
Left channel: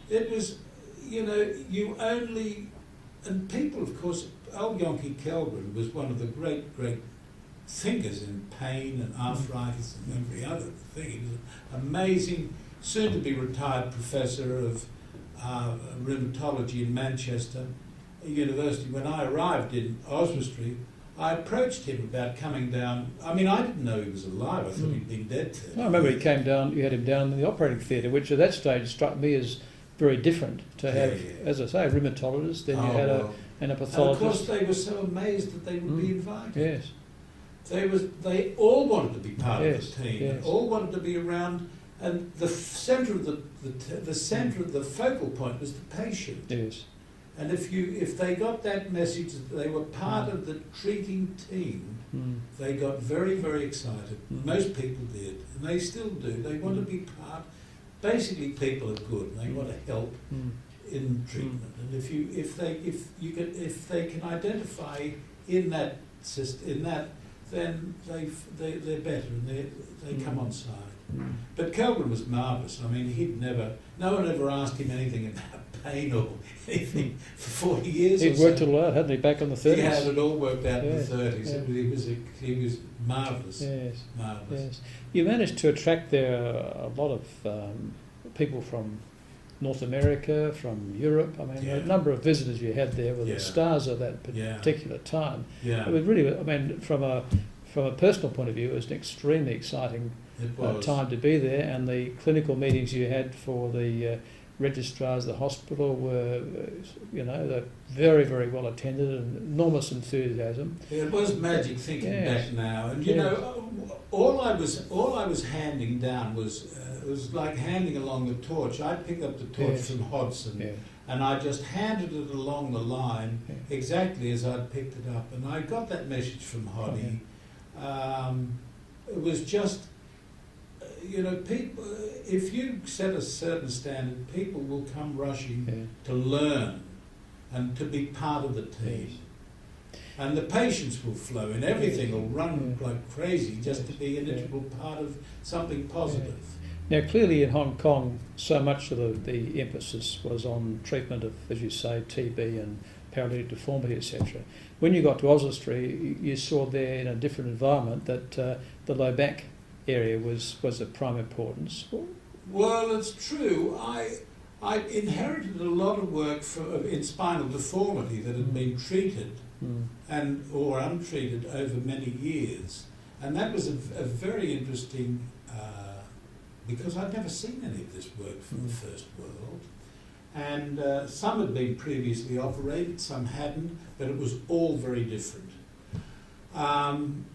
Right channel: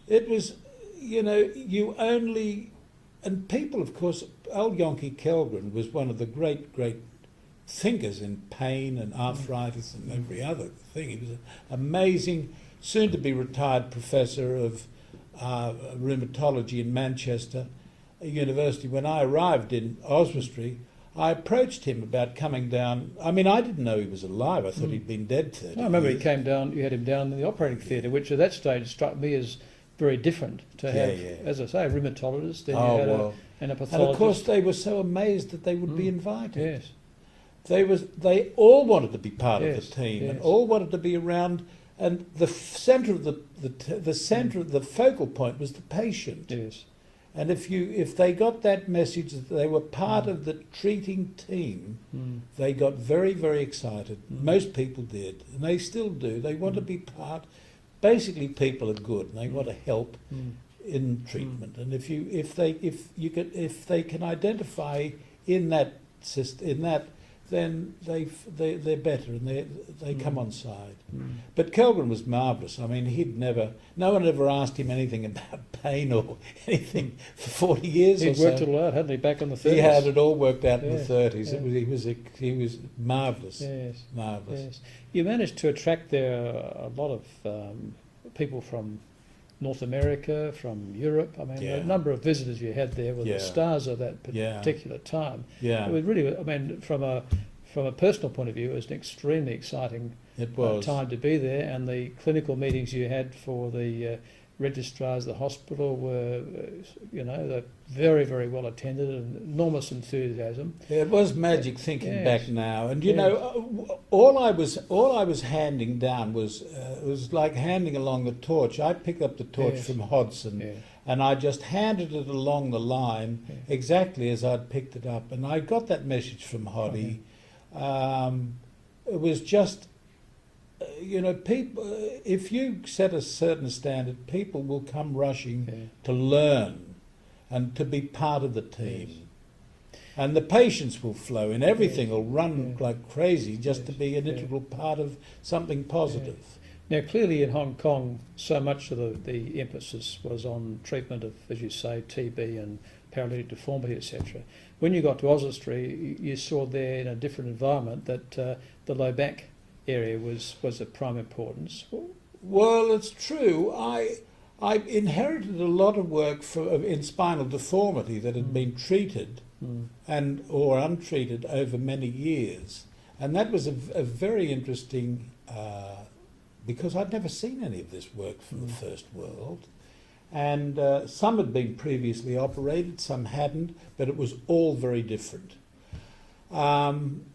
it was, you only... And people, of course, old Yonke Kelgren was one of the great thinkers in pain and arthritis and every other thing. He was an amazing, soon-to-be retired professor of rheumatology in Manchester University. When I arrived in Oswestry, I approached him about coming down. I mean, I didn't know he was alive. I thought he'd been dead 30 I remember years. he came down, you had him down in the operating theatre, which at that stage struck me as very different to have, as I say, a rheumatologist, then you had a And of pathologist. course, they were so amazed that they would be invited. Yes. They all wanted to be part of the team, and yes. all wanted to be around. And the centre of the centre of the focal point was the patient. Yes. And if they got that message that they were part of the treating team, they got very, very excited. Most people did, and they still do. They want to be part. Basically, people are good, and they want to help in treatment. And if they can identify in that then they're better, and they come on side. But Kelgren was marvellous. I mean, no one ever asked him anything about pain or anything for 40 years. He'd worked it all out, hadn't he, back in the 30s? He had it all worked out in Yeah, the 30s. yeah. He was marvellous. Yes. Marvellous. Yes. You managed to attract there a lot of people from North America, from Europe. I mean, the number of visitors you had there were the stars of that particular time. Yeah. It was really, I mean, from a personal point of view, it was an extremely exciting time to be there, and the clinical meetings you had for the registrars of the hospital were, they're very, very well attended and enormous enthusiasm. Yeah, it was magic thinking Yes. back now, and all I was handing down was like handing along the torch. I picked up the torch from Hodson, and I just handed it along the line exactly as I'd picked it up, and I got that message from Hoddy. It was just, people, if you set a certain standard, people will come rushing Yeah. to learn and to be part of the team. Yes. And the patience will flow and everything Yes. will run Yeah. like crazy just to Yes. be an Yeah. integral part of something positive. Now, clearly in Hong Kong, so much of the emphasis was on treatment of, as you say, TB and paralytic deformity, etc. When you got to Oswestry, you saw there in a different environment that the low back area was of prime importance. Well, it's true. I inherited a lot of work in spinal deformity that had been treated or untreated over many years, and that was a very interesting because I'd never seen any of this work from the first world, and some had been previously operated, some hadn't, but it was all very different. And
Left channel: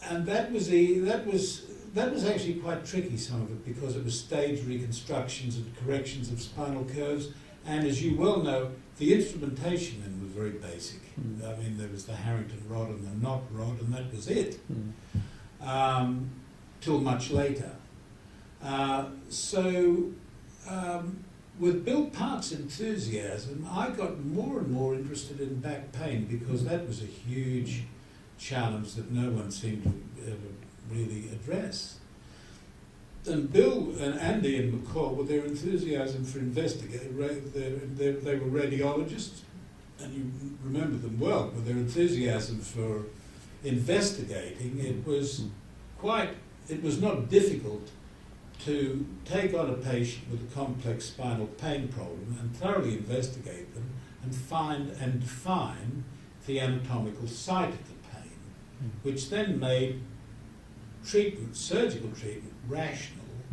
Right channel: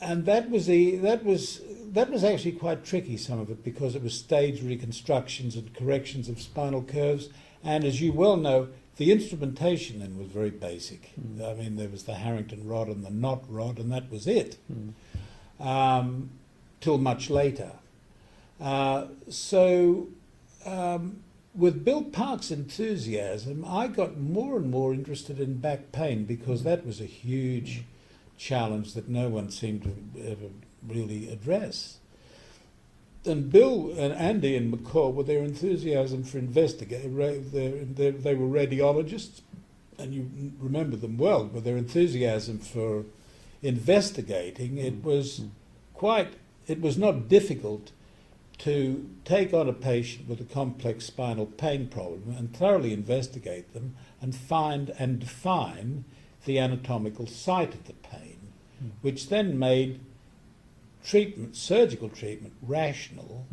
that was actually quite tricky, some of it, because it was stage reconstructions and corrections of spinal curves. And as you well know, the instrumentation then was very basic. I mean, there was the Harrington rod and the knot rod, and that was it, till much later. With Bill Park's enthusiasm, I got more and more interested in back pain because that was a huge challenge that no one seemed to ever really address. And Bill and Andy and McCall, with their enthusiasm for investigating, they were radiologists, and you remember them well, with their enthusiasm for investigating, it was not difficult to take on a patient with a complex spinal pain problem and thoroughly investigate them and find and define the anatomical site of the pain, which then made treatment, surgical treatment, rational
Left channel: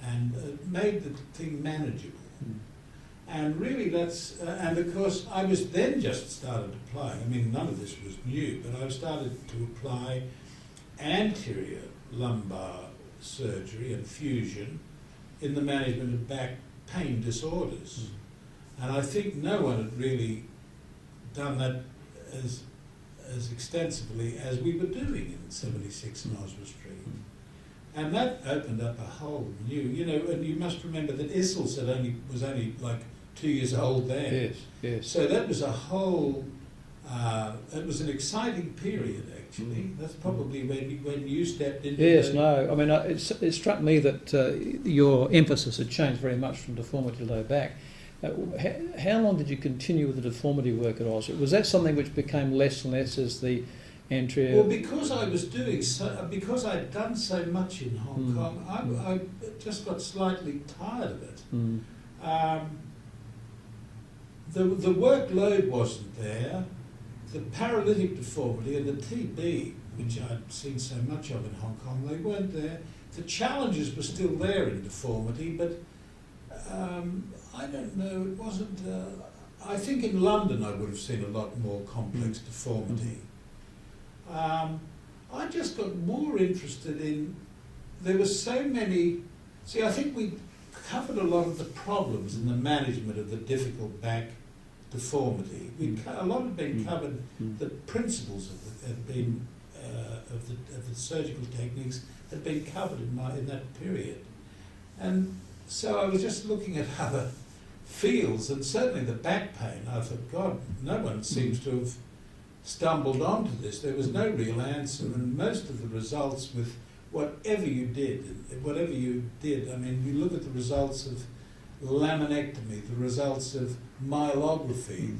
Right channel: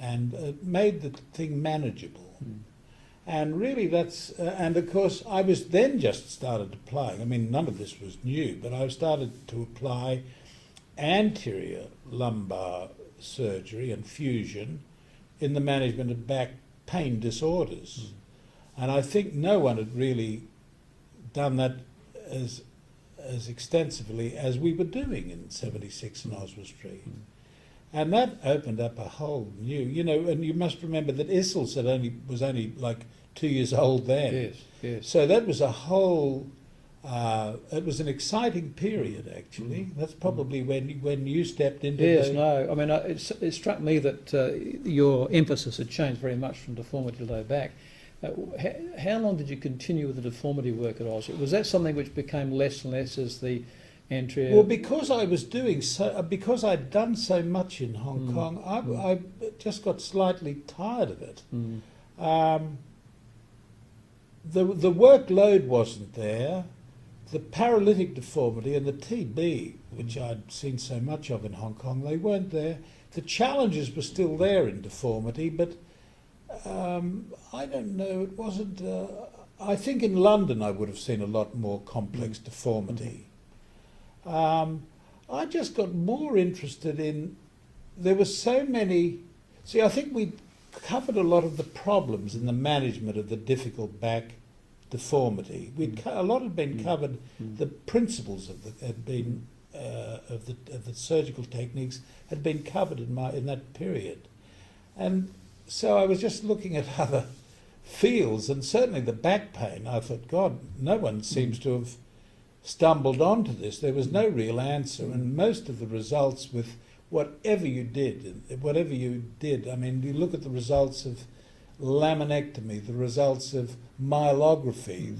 and made the thing manageable. And really that's, and of course I was then just started applying, I mean none of this was new, but I started to apply anterior lumbar surgery and fusion in the management of back pain disorders. And I think no one had really done that as extensively as we were doing in 76 in Oswestry. And that opened up a whole new, and you must remember that Issels was only like 2 years old then. Yes, yes. So that was a whole, it was an exciting period actually. That's probably when you stepped into Yes, no, I mean, it struck me that your emphasis had changed very much from deformity to low back. How long did you continue with the deformity work at Oz? Was that something which became less and less as the anterior... Well, because I was doing so, because I'd done so much in Hong Kong, I just got slightly tired of it. The workload wasn't there. The paralytic deformity and the TB, which I'd seen so much of in Hong Kong, they weren't there. The challenges were still there in deformity, but I don't know, it wasn't... I think in London I would have seen a lot more complex deformity. I just got more interested in... There were so many... See, I think we covered a lot of the problems in the management of the difficult back deformity. A lot had been covered. The principles of the surgical techniques had been covered in that period, and so I was just looking at other fields, and certainly the back pain. I thought, God, no one seems to have stumbled onto this. There was no real answer, and most of the results with whatever you did, I mean, you look at the results of laminectomy, the results of myelography,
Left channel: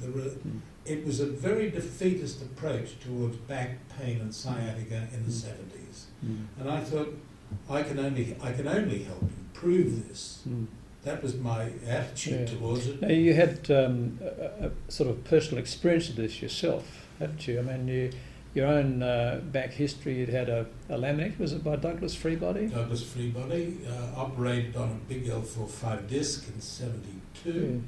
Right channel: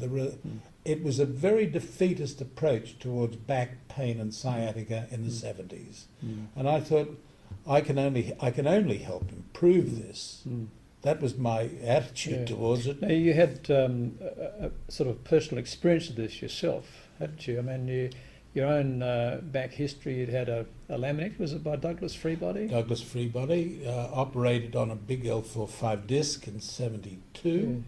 it was a very defeatist approach towards back pain and sciatica in the 70s. And I thought, I can only help improve this. That was my attitude towards it. Now, you had a sort of personal experience of this yourself, hadn't you? I mean, your own back history, you'd had a laminectomy, was it by Douglas Freebody? Douglas Freebody, operated on a big L4-5 disc in 72.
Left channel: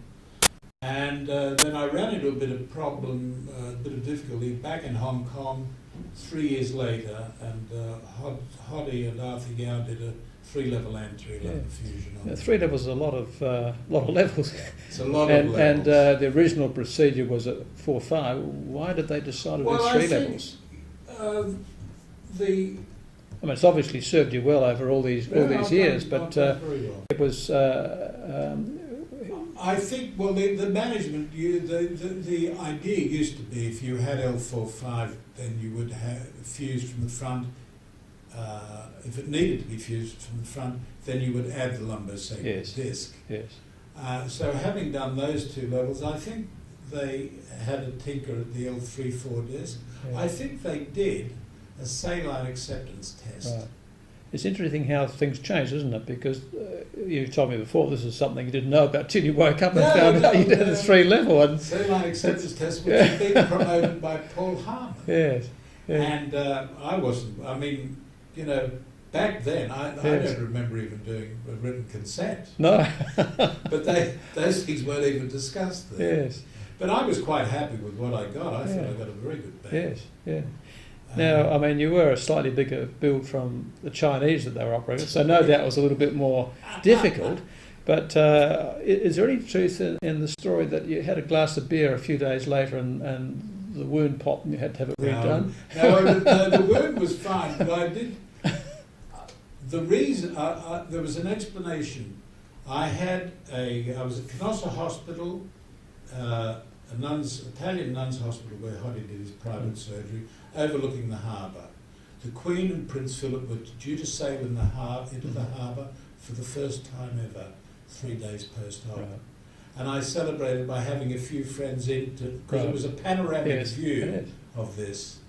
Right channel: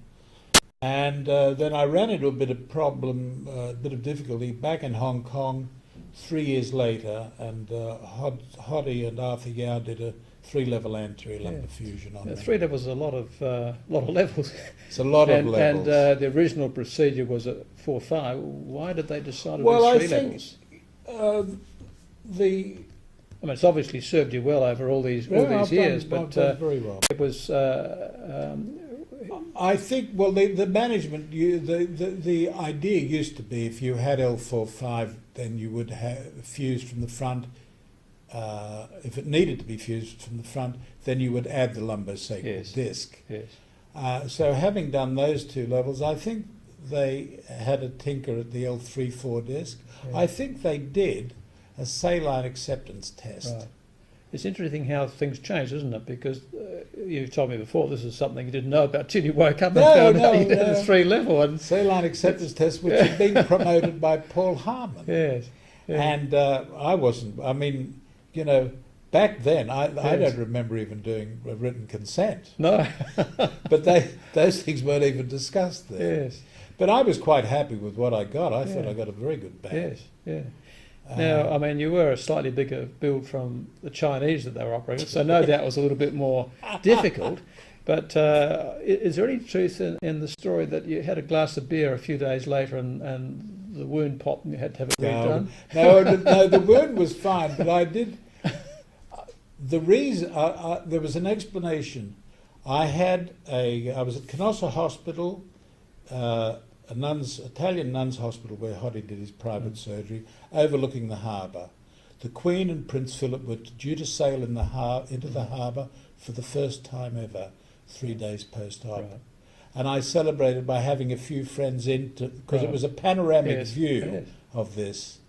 And then I ran into a bit of problem, a bit of difficulty back in Hong Kong 3 years later, and Hoddy and Arthur Yao did a 3-level anterior lumbar fusion on it. 3 levels is a lot of levels. It's a lot of levels. And the original procedure was at 4-5. Why did they decide to do 3 levels? I mean, it's obviously served you well over all these years, I've but done very well. it was. I think, well, the management, the idea used to be if you had L45, then you would have fused from the front. If it needed to be fused from the front, then you would add the lumbar sacral disc. Yes. So having done those two levels, I think they had a tinker at the L34 disc. Yeah. I think they did a saline acceptance test. Right. It's interesting how things change, isn't it? Because you told me before this is something you didn't know about till you woke up and found out you did a 3-level. And saline acceptance test, which had been promoted by Paul Harmon. Yes. Yeah. And I wasn't. I mean, you know, back then I don't remember even doing a written consent. No. But those things weren't even discussed there. Yes. But I was quite happy with what I got. I thought I got a very good band. Yes. Yeah. Now, I mean, you were a slightly bigger build from the Chinese that they were operating, so no doubt it was a little bit more difficult. But is there any truth in the story that you had a glass of beer a few days later and the wound popped and you had to have it redone? No, the wound was fine, but I did. The reason there was an explanation. I was at Canossa Hospital, Italian nuns' hospital where Hoddy did his private surgery, overlooking the harbour. The Queen and Prince Philip were due to sail into the harbour for the first time ever, 3 days post-op. Right. And I celebrated by having a few friends in, because it was a panoramic view of this.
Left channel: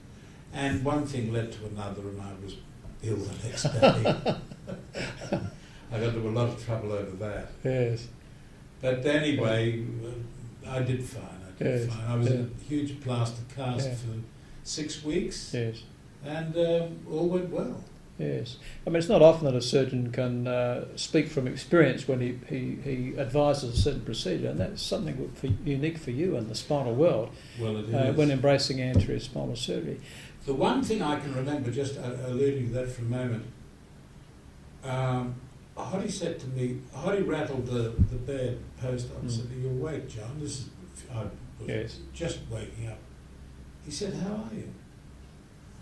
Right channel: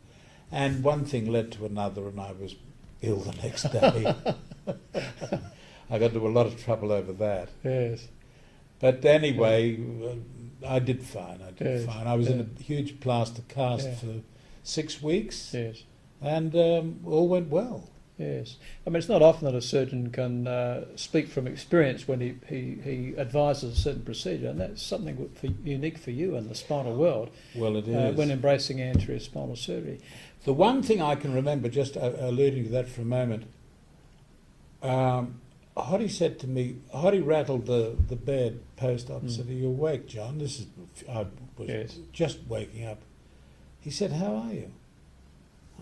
And one thing led to another, and I was ill the next day. I got into a lot of trouble over that. Yes. But anyway, I did fine. Fine. I was in a huge plaster cast for 6 weeks. Yes. And all went well. Yes. I mean, it's not often that a surgeon can speak from experience when he advises a certain procedure, and that's something unique for you in the spinal world. Well, it is. When embracing anterior spinal surgery. The one thing I can remember, just alluding to that for a moment, Hoddy said to me, Hoddy rattled the bed post-op and said, "Are you awake, John?" I was just waking up. He said, "How are you?"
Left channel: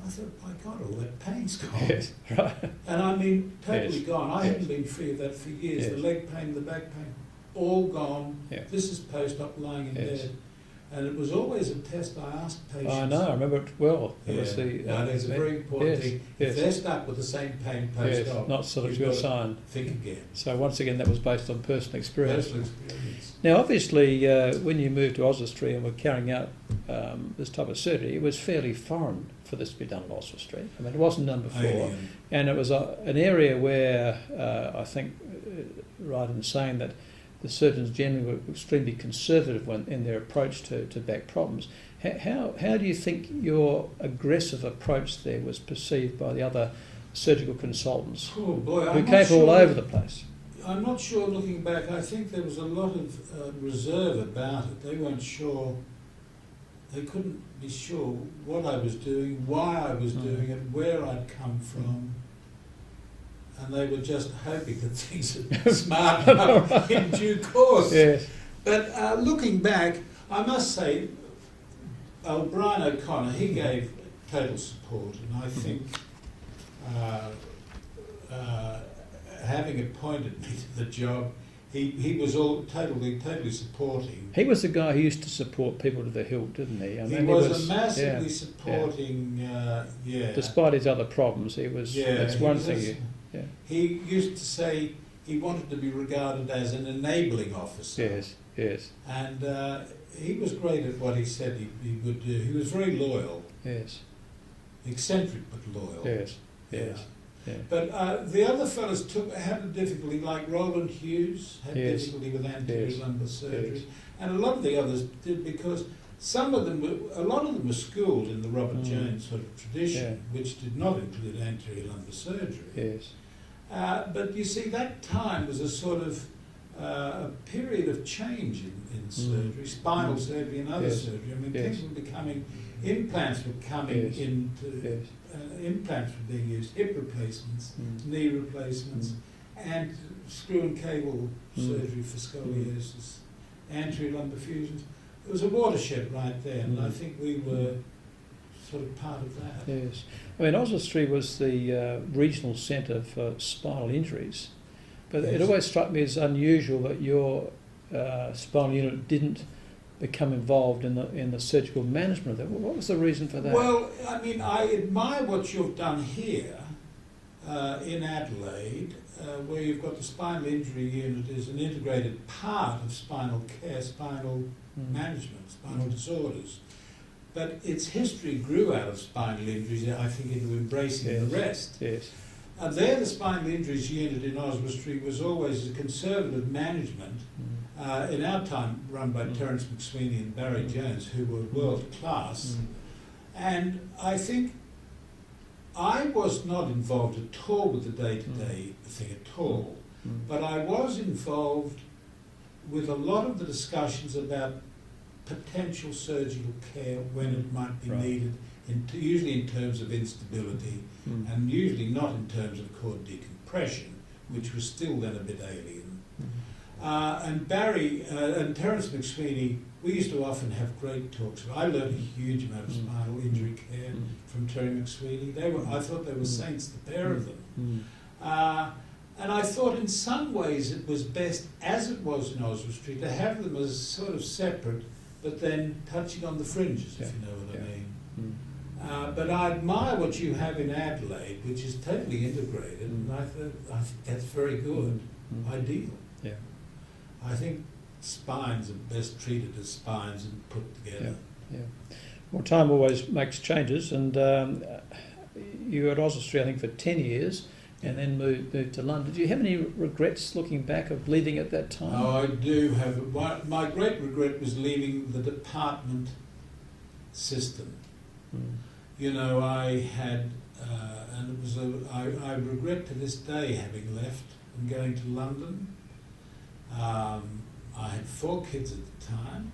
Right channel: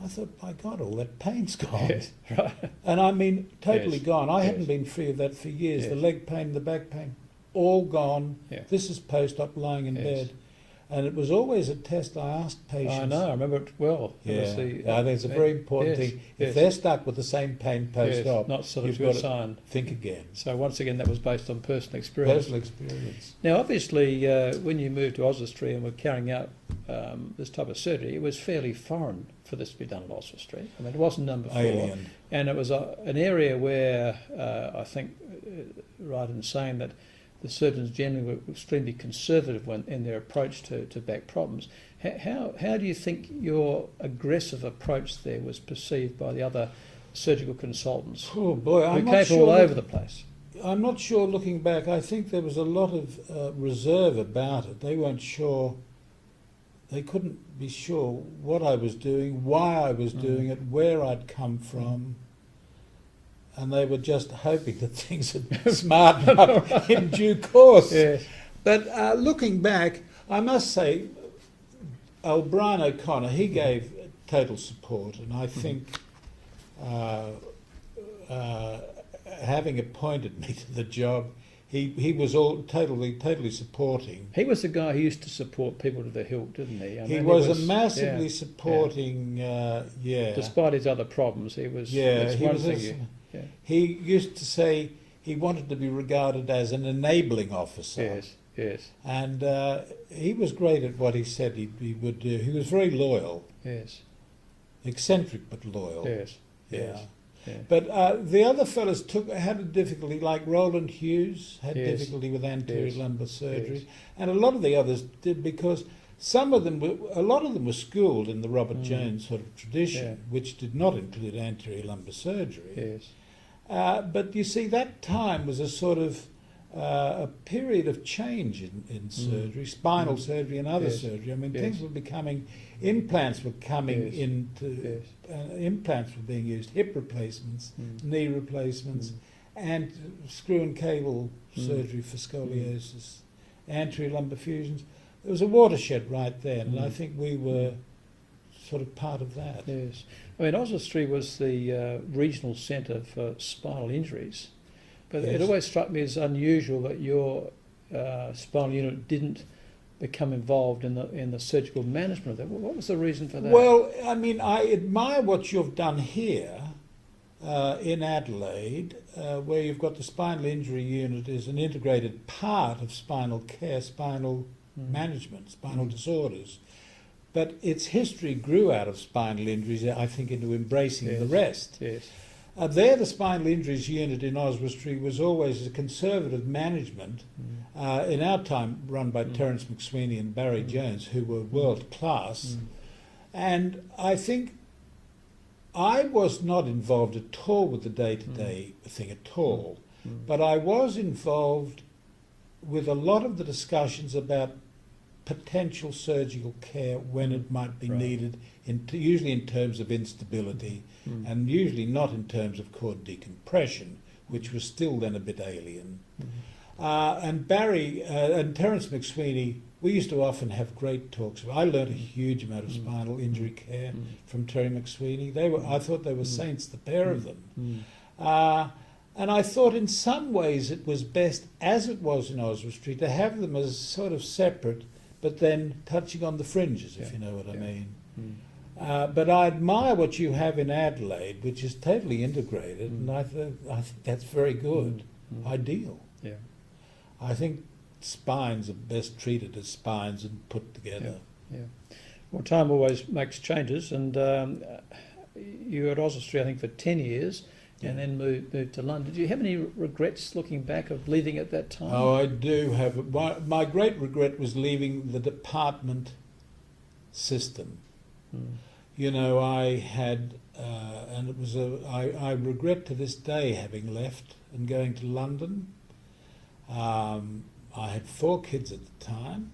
I thought, my God, all that pain's gone. Yes, right. And I mean, totally gone. I hadn't been free of that for years. The leg pain, the back pain, all gone. Yeah. This is post-op lying in bed. And it was always a test I asked patients. I know, I remember it well. Yeah. I think it's a very important thing. If they're stuck with the same pain post-op, not sort of your sign. Think again. So once again, that was based on personal experience. Personal experience. Now, obviously, when you moved to Oswestry and were carrying out this type of surgery, it was fairly foreign for this to be done at Oswestry. I mean, it wasn't done before. Alien. And it was an area where I think, right in saying that the surgeons generally were extremely conservative in their approach to back problems. How do you think your aggressive approach there was perceived by the other surgical consultants? Oh boy, who came all over the place? I'm not sure looking back. I think there was a lot of reserve about it. They weren't sure. They couldn't be sure what I was doing, why I was doing it, where I'd come from. And they were just hoping that things would smarten up in due course. Yes. But looking back, I must say, Brian O'Connor, he gave total support, and I think having appointed me to the job, he was all totally supporting. He was the guy who used to support people to the hilt, didn't he? He was a massively supporting, Despite his other problems, he was. That's one thing. He used to say he wanted to be regarded as an enabling officer. Yes, yes. And he was great at what he said he would do. He was very loyal. Yes. Eccentric but loyal. Yes, yes. Yeah. But the other fellas had a difficulty, like Roland Hughes had difficulty with anterior lumbar surgery, and a lot of the others did, because a lot of them were schooled in the Robert Jones sort of tradition, which did not include anterior lumbar surgery. Yes. But you see, that time was a sort of a period of change in surgery, spinal surgery and other surgery. I mean, things were becoming, implants were coming into, implants were being used, hip replacements, knee replacements, and screw and cable surgery for scoliosis, anterior lumbar fusions. There was a watershed right there, and I think we were sort of part of that. Yes. I mean, Oswestry was the regional centre for spinal injuries, but Yes. it always struck me as unusual that your spinal unit didn't become involved in the surgical management of that. What was the reason for that? Well, I mean, I admire what you've done here in Adelaide, where you've got the spinal injury unit as an integrated part of spinal care, spinal management, spinal disorders. But its history grew out of spinal injuries, I think, into embracing the rest. Yes. There, the spinal injuries unit in Oswestry was always a conservative management, in our time run by Terence McSweeney and Barry Jones, who were world class. And I think I was not involved at all with the day-to-day thing at all, but I was involved with a lot of the discussions about potential surgical care when it might be needed, usually in terms of instability and usually not in terms of cord decompression, which was still then a bit alien. And Barry and Terence McSweeney, we used to often have great talks. I learned a huge amount of spinal injury care from Terry McSweeney. I thought they were saints, the pair of them. And I thought in some ways it was best, as it was in Oswestry, to have them as sort of separate, but then touching on the fringes, if you know what I mean. But I admire what you have in Adelaide, which is totally integrated, and I think that's very good, ideal. Yeah. I think spines are best treated as spines and put together. Yeah. Well, time always makes changes, and you were at Oswestry, I think, for 10 years, and then moved to London. Do you have any regrets looking back of leaving at that time? Oh, I do have. My great regret was leaving the department system. You know, I had, and it was I regret to this day having left and going to London. I had 4 kids at the time.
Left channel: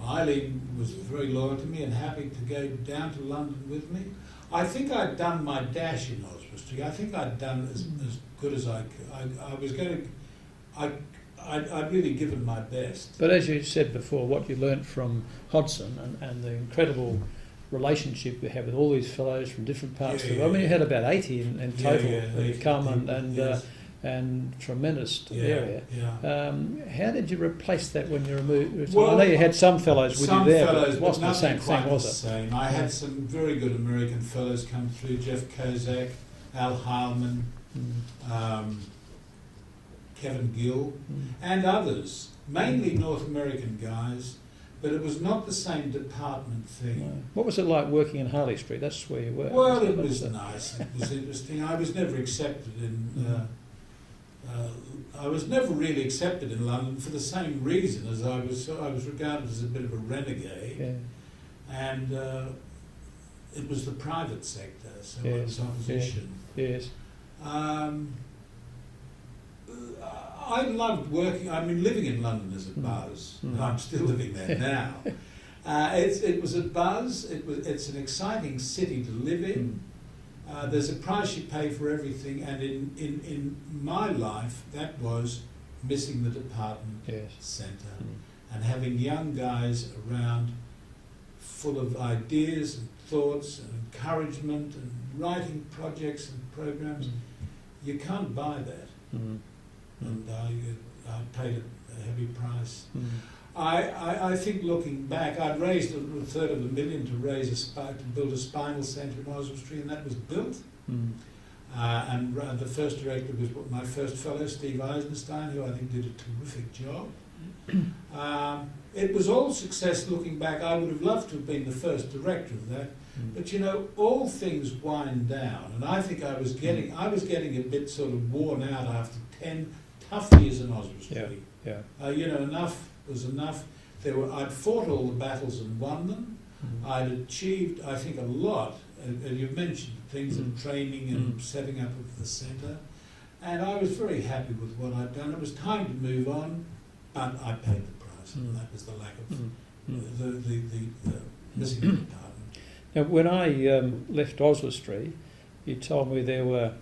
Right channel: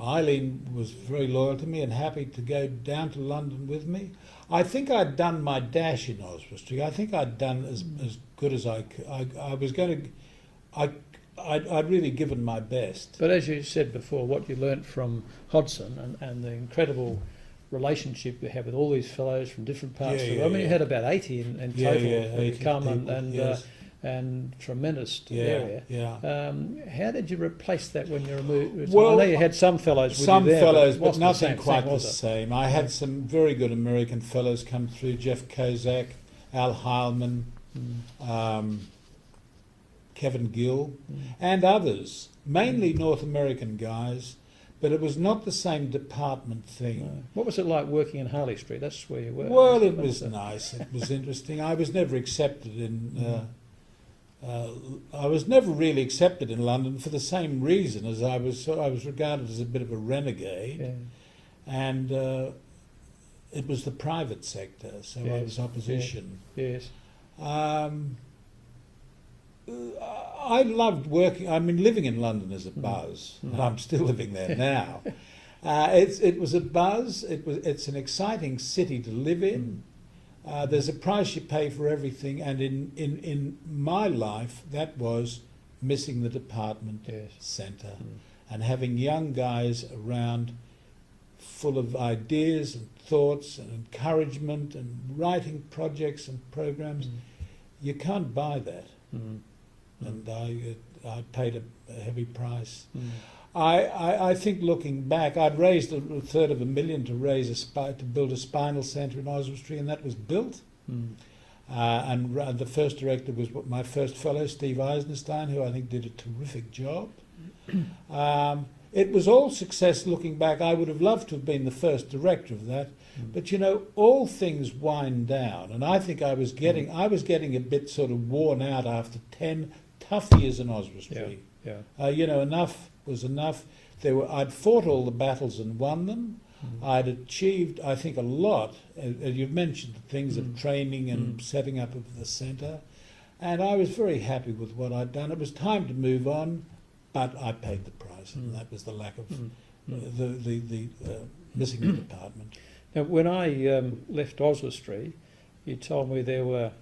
Eileen was very loyal to me and happy to go down to London with me. I think I'd done my dash in Oswestry. I think I'd done as good as I could. I was going to. I'd really given my best. But as you said before, what you learnt from Hodson and the incredible relationship you have with all these fellows from different parts of the world. I mean, you had about 80 in total who come and tremendous area. How did you replace that when you moved? Well, I know you had some fellows with you there, fellows, but it wasn't nothing the same quite thing, was the it? same. I had some very good American fellows come through, Jeff Kozak, Al Heilman, Kevin Gill, and others, mainly North American guys, but it was not the same department thing. No. What was it like working in Harley Street? That's where you were. Well, it was nice. It was interesting. I was never accepted in. I was never really accepted in London for the same reason as I was regarded as a bit of a renegade, and it was the private sector, so I was opposition. Yes. I loved working. I mean, living in London is a buzz, and I'm still living there now. It was a buzz. It's an exciting city to live in. There's a price you pay for everything, and in my life, that was missing the department centre and having young guys around full of ideas and thoughts and encouragement and writing projects and programs. You can't buy that. And I paid a heavy price. I think looking back, I'd raised $250,000 to build a spinal centre in Oswestry, and that was built. And the first director was my first fellow, Steve Eisenstein, who I think did a terrific job. It was all success looking back. I would have loved to have been the first director of that. But you know, all things wind down, and I think I was getting a bit sort of worn out after 10 tough years in Oswestry. You know, enough was enough. I'd fought all the battles and won them. I'd achieved, I think, a lot. You've mentioned the things of training and setting up of the centre, and I was very happy with what I'd done. It was time to move on, but I paid the price, and that was the lack of the missing the department. Now, when I left Oswestry, you told me there were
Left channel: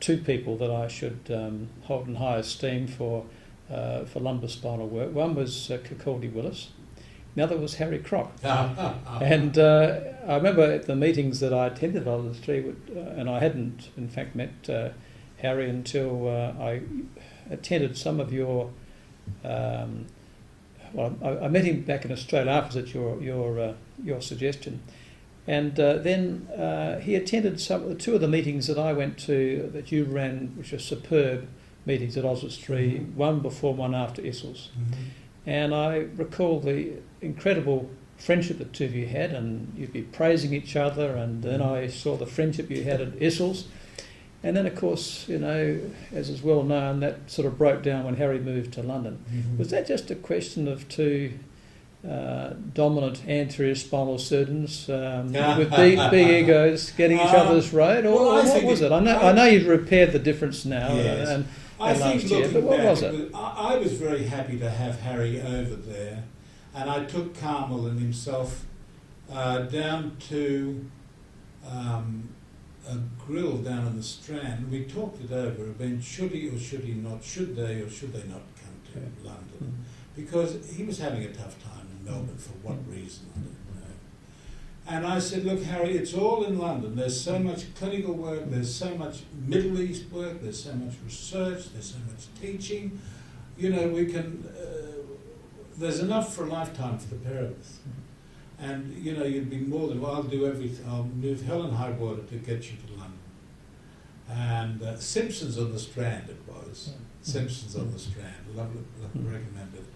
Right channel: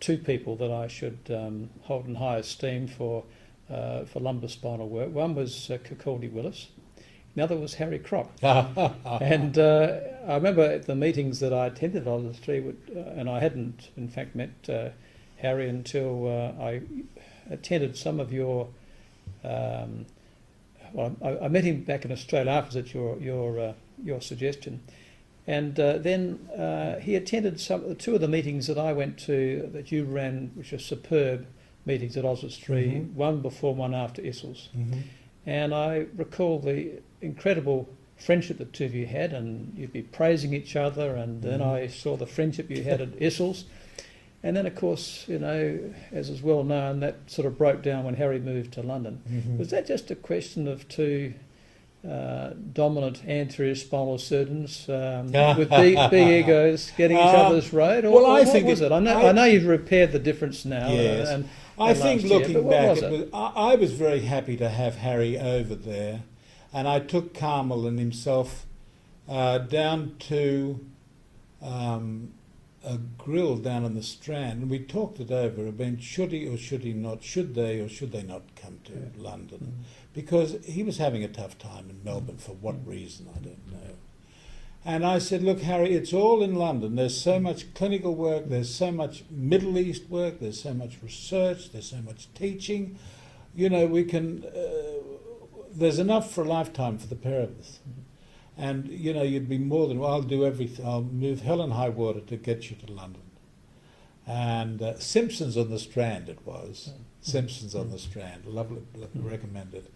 2 people that I should hold in high esteem for lumbar spinal work. One was Kirkaldy Willis, the other was Harry Kroc. And I remember at the meetings that I attended on the street, and I hadn't in fact met Harry until I attended some of your. I met him back in Australia afterwards at your suggestion, and then he attended two of the meetings that I went to that you ran, which were superb meetings at Oswestry, one before, one after Isles. And I recall the incredible friendship the two of you had, and you'd be praising each other, and then I saw the friendship you had at Isles. And then, of course, you know, as is well known, that sort of broke down when Harry moved to London. Was that just a question of two dominant anterior spinal surgeons with big egos getting each other's road, or what was it? I know you've repaired the difference now. Yes. And I think looking but what back, was it? I was very happy to have Harry over there, and I took Carmel and himself down to a grill down in the Strand, and we talked it over about should he or should he not, should they or should they not come to London, because he was having a tough time in Melbourne for what reason, I don't know. And I said, look, Harry, it's all in London. There's so much clinical work, there's so much Middle East work, there's so much research, there's so much teaching. You know, we can, there's enough for a lifetime for the pair of us. And, you know, you'd be more than, well, I'll do everything. I'll move hell and high water to get you to London. And Simpsons on the Strand it was. Simpsons on the Strand. Lovely, recommended.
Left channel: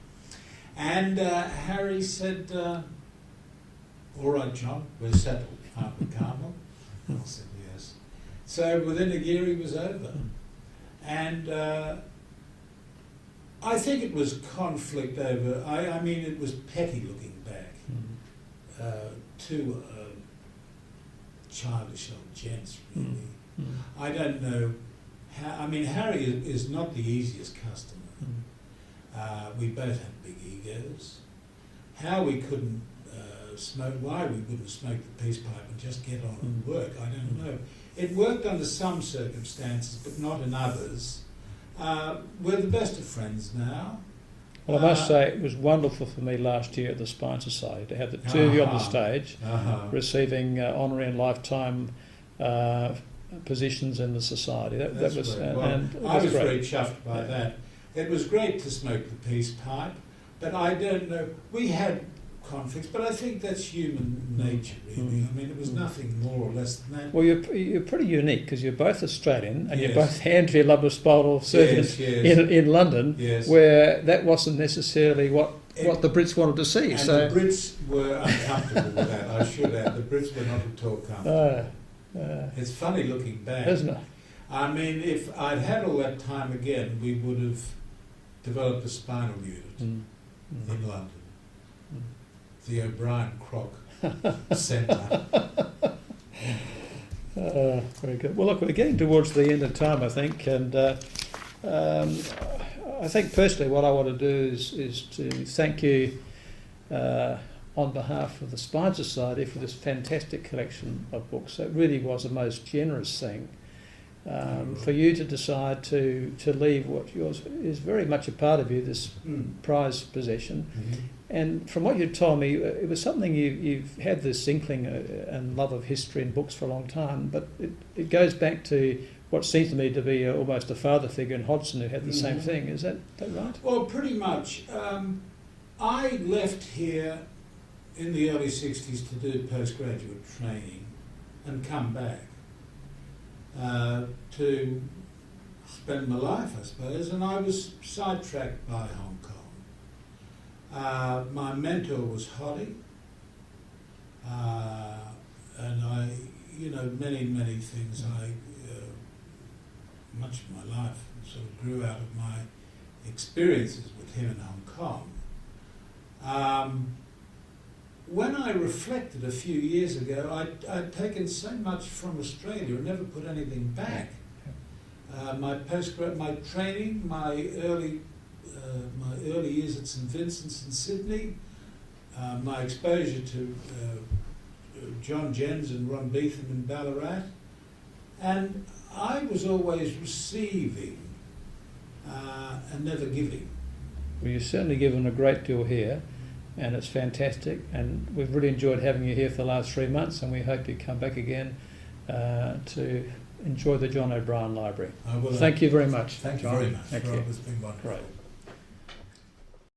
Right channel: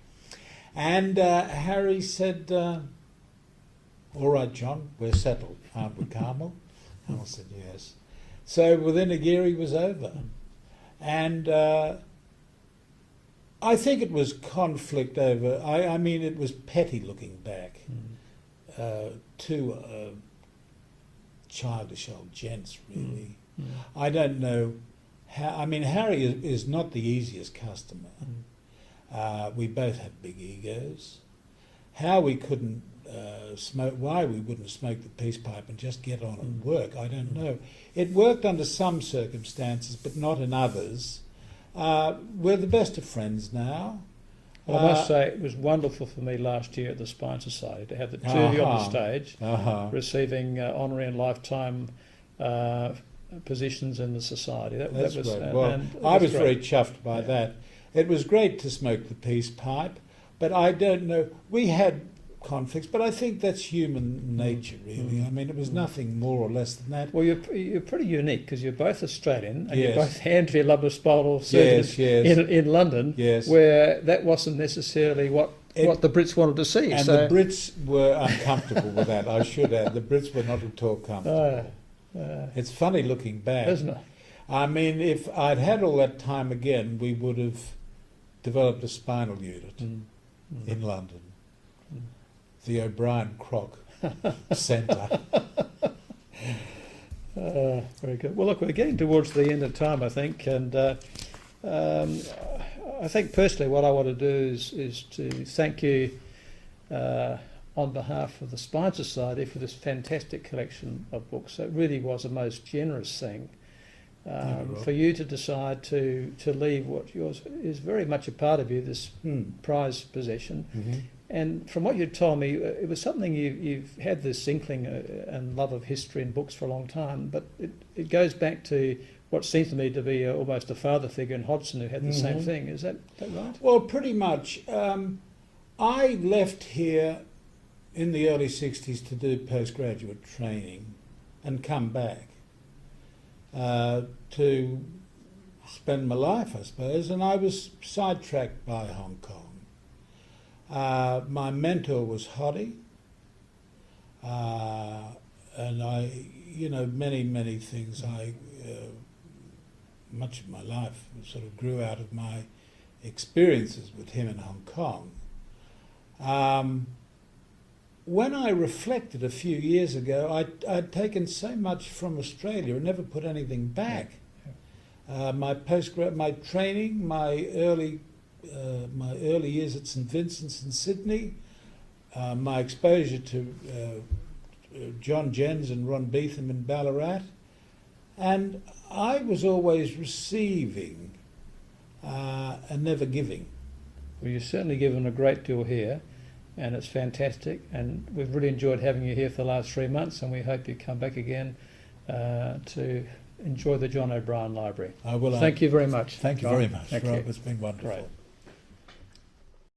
And Harry said, all right, John, we're settled, aren't we, Carmel? And I said, yes. So within a year he was over. And I think it was conflict over, I mean, it was petty looking back. Two childish old gents, really. I don't know how. I mean, Harry is not the easiest customer. We both had big egos. How we couldn't smoke, why we wouldn't smoke the peace pipe and just get on and work, I don't know. It worked under some circumstances, but not in others. We're the best of friends now. Well, I must say it was wonderful for me last year at the Spine Society to have the two of you on the stage receiving honorary and lifetime positions in the society. That was right. Well, I was very chuffed by that. It was great to smoke the peace pipe, but I don't know. We had conflicts, but I think that's human nature, really. I mean, it was nothing more or less than that. Well, you're pretty unique because you're both Australian and you're both anterior surgeons in London, where that wasn't necessarily what the Brits wanted to see. And the Brits were uncomfortable with that, I should add. The Brits were not at all comfortable. It's funny looking back. Isn't it? I mean, if I'd had all that time again, we would have developed a spinal unit in London. The O'Brien-Kroc Centre. Very good. Well, look, we're getting towards the end of time, I think, and I think personally what I want to do is to thank you on behalf of the Spine Society for this fantastic collection of books. It really was a most generous thing for you to decide to leave what yours is very much a part of you, this prized possession. And from what you told me, it was something you've had this inkling and love of history and books for a long time, but it goes back to what seems to me to be almost a father figure in Hodgson who had the same thing. Is that right? Well, pretty much. I left here in the early 60s to do postgraduate training and come back to spend my life, I suppose, and I was sidetracked by Hong Kong. My mentor was Hoddy, and I, you know, many things. Much of my life sort of grew out of my experiences with him in Hong Kong. When I reflected a few years ago, I'd taken so much from Australia and never put anything back. My training, my early years at St Vincent's in Sydney, my exposure to John Jens and Ron Beetham in Ballarat, and I was always receiving and never giving. Well, you've certainly given a great deal here, and it's fantastic. And we've really enjoyed having you here for the last 3 months, and we hope you come back again to enjoy the John O'Brien Library. I will. Thank you very much. Thank you John. very much. Thank Rob, you. it's been wonderful. Great.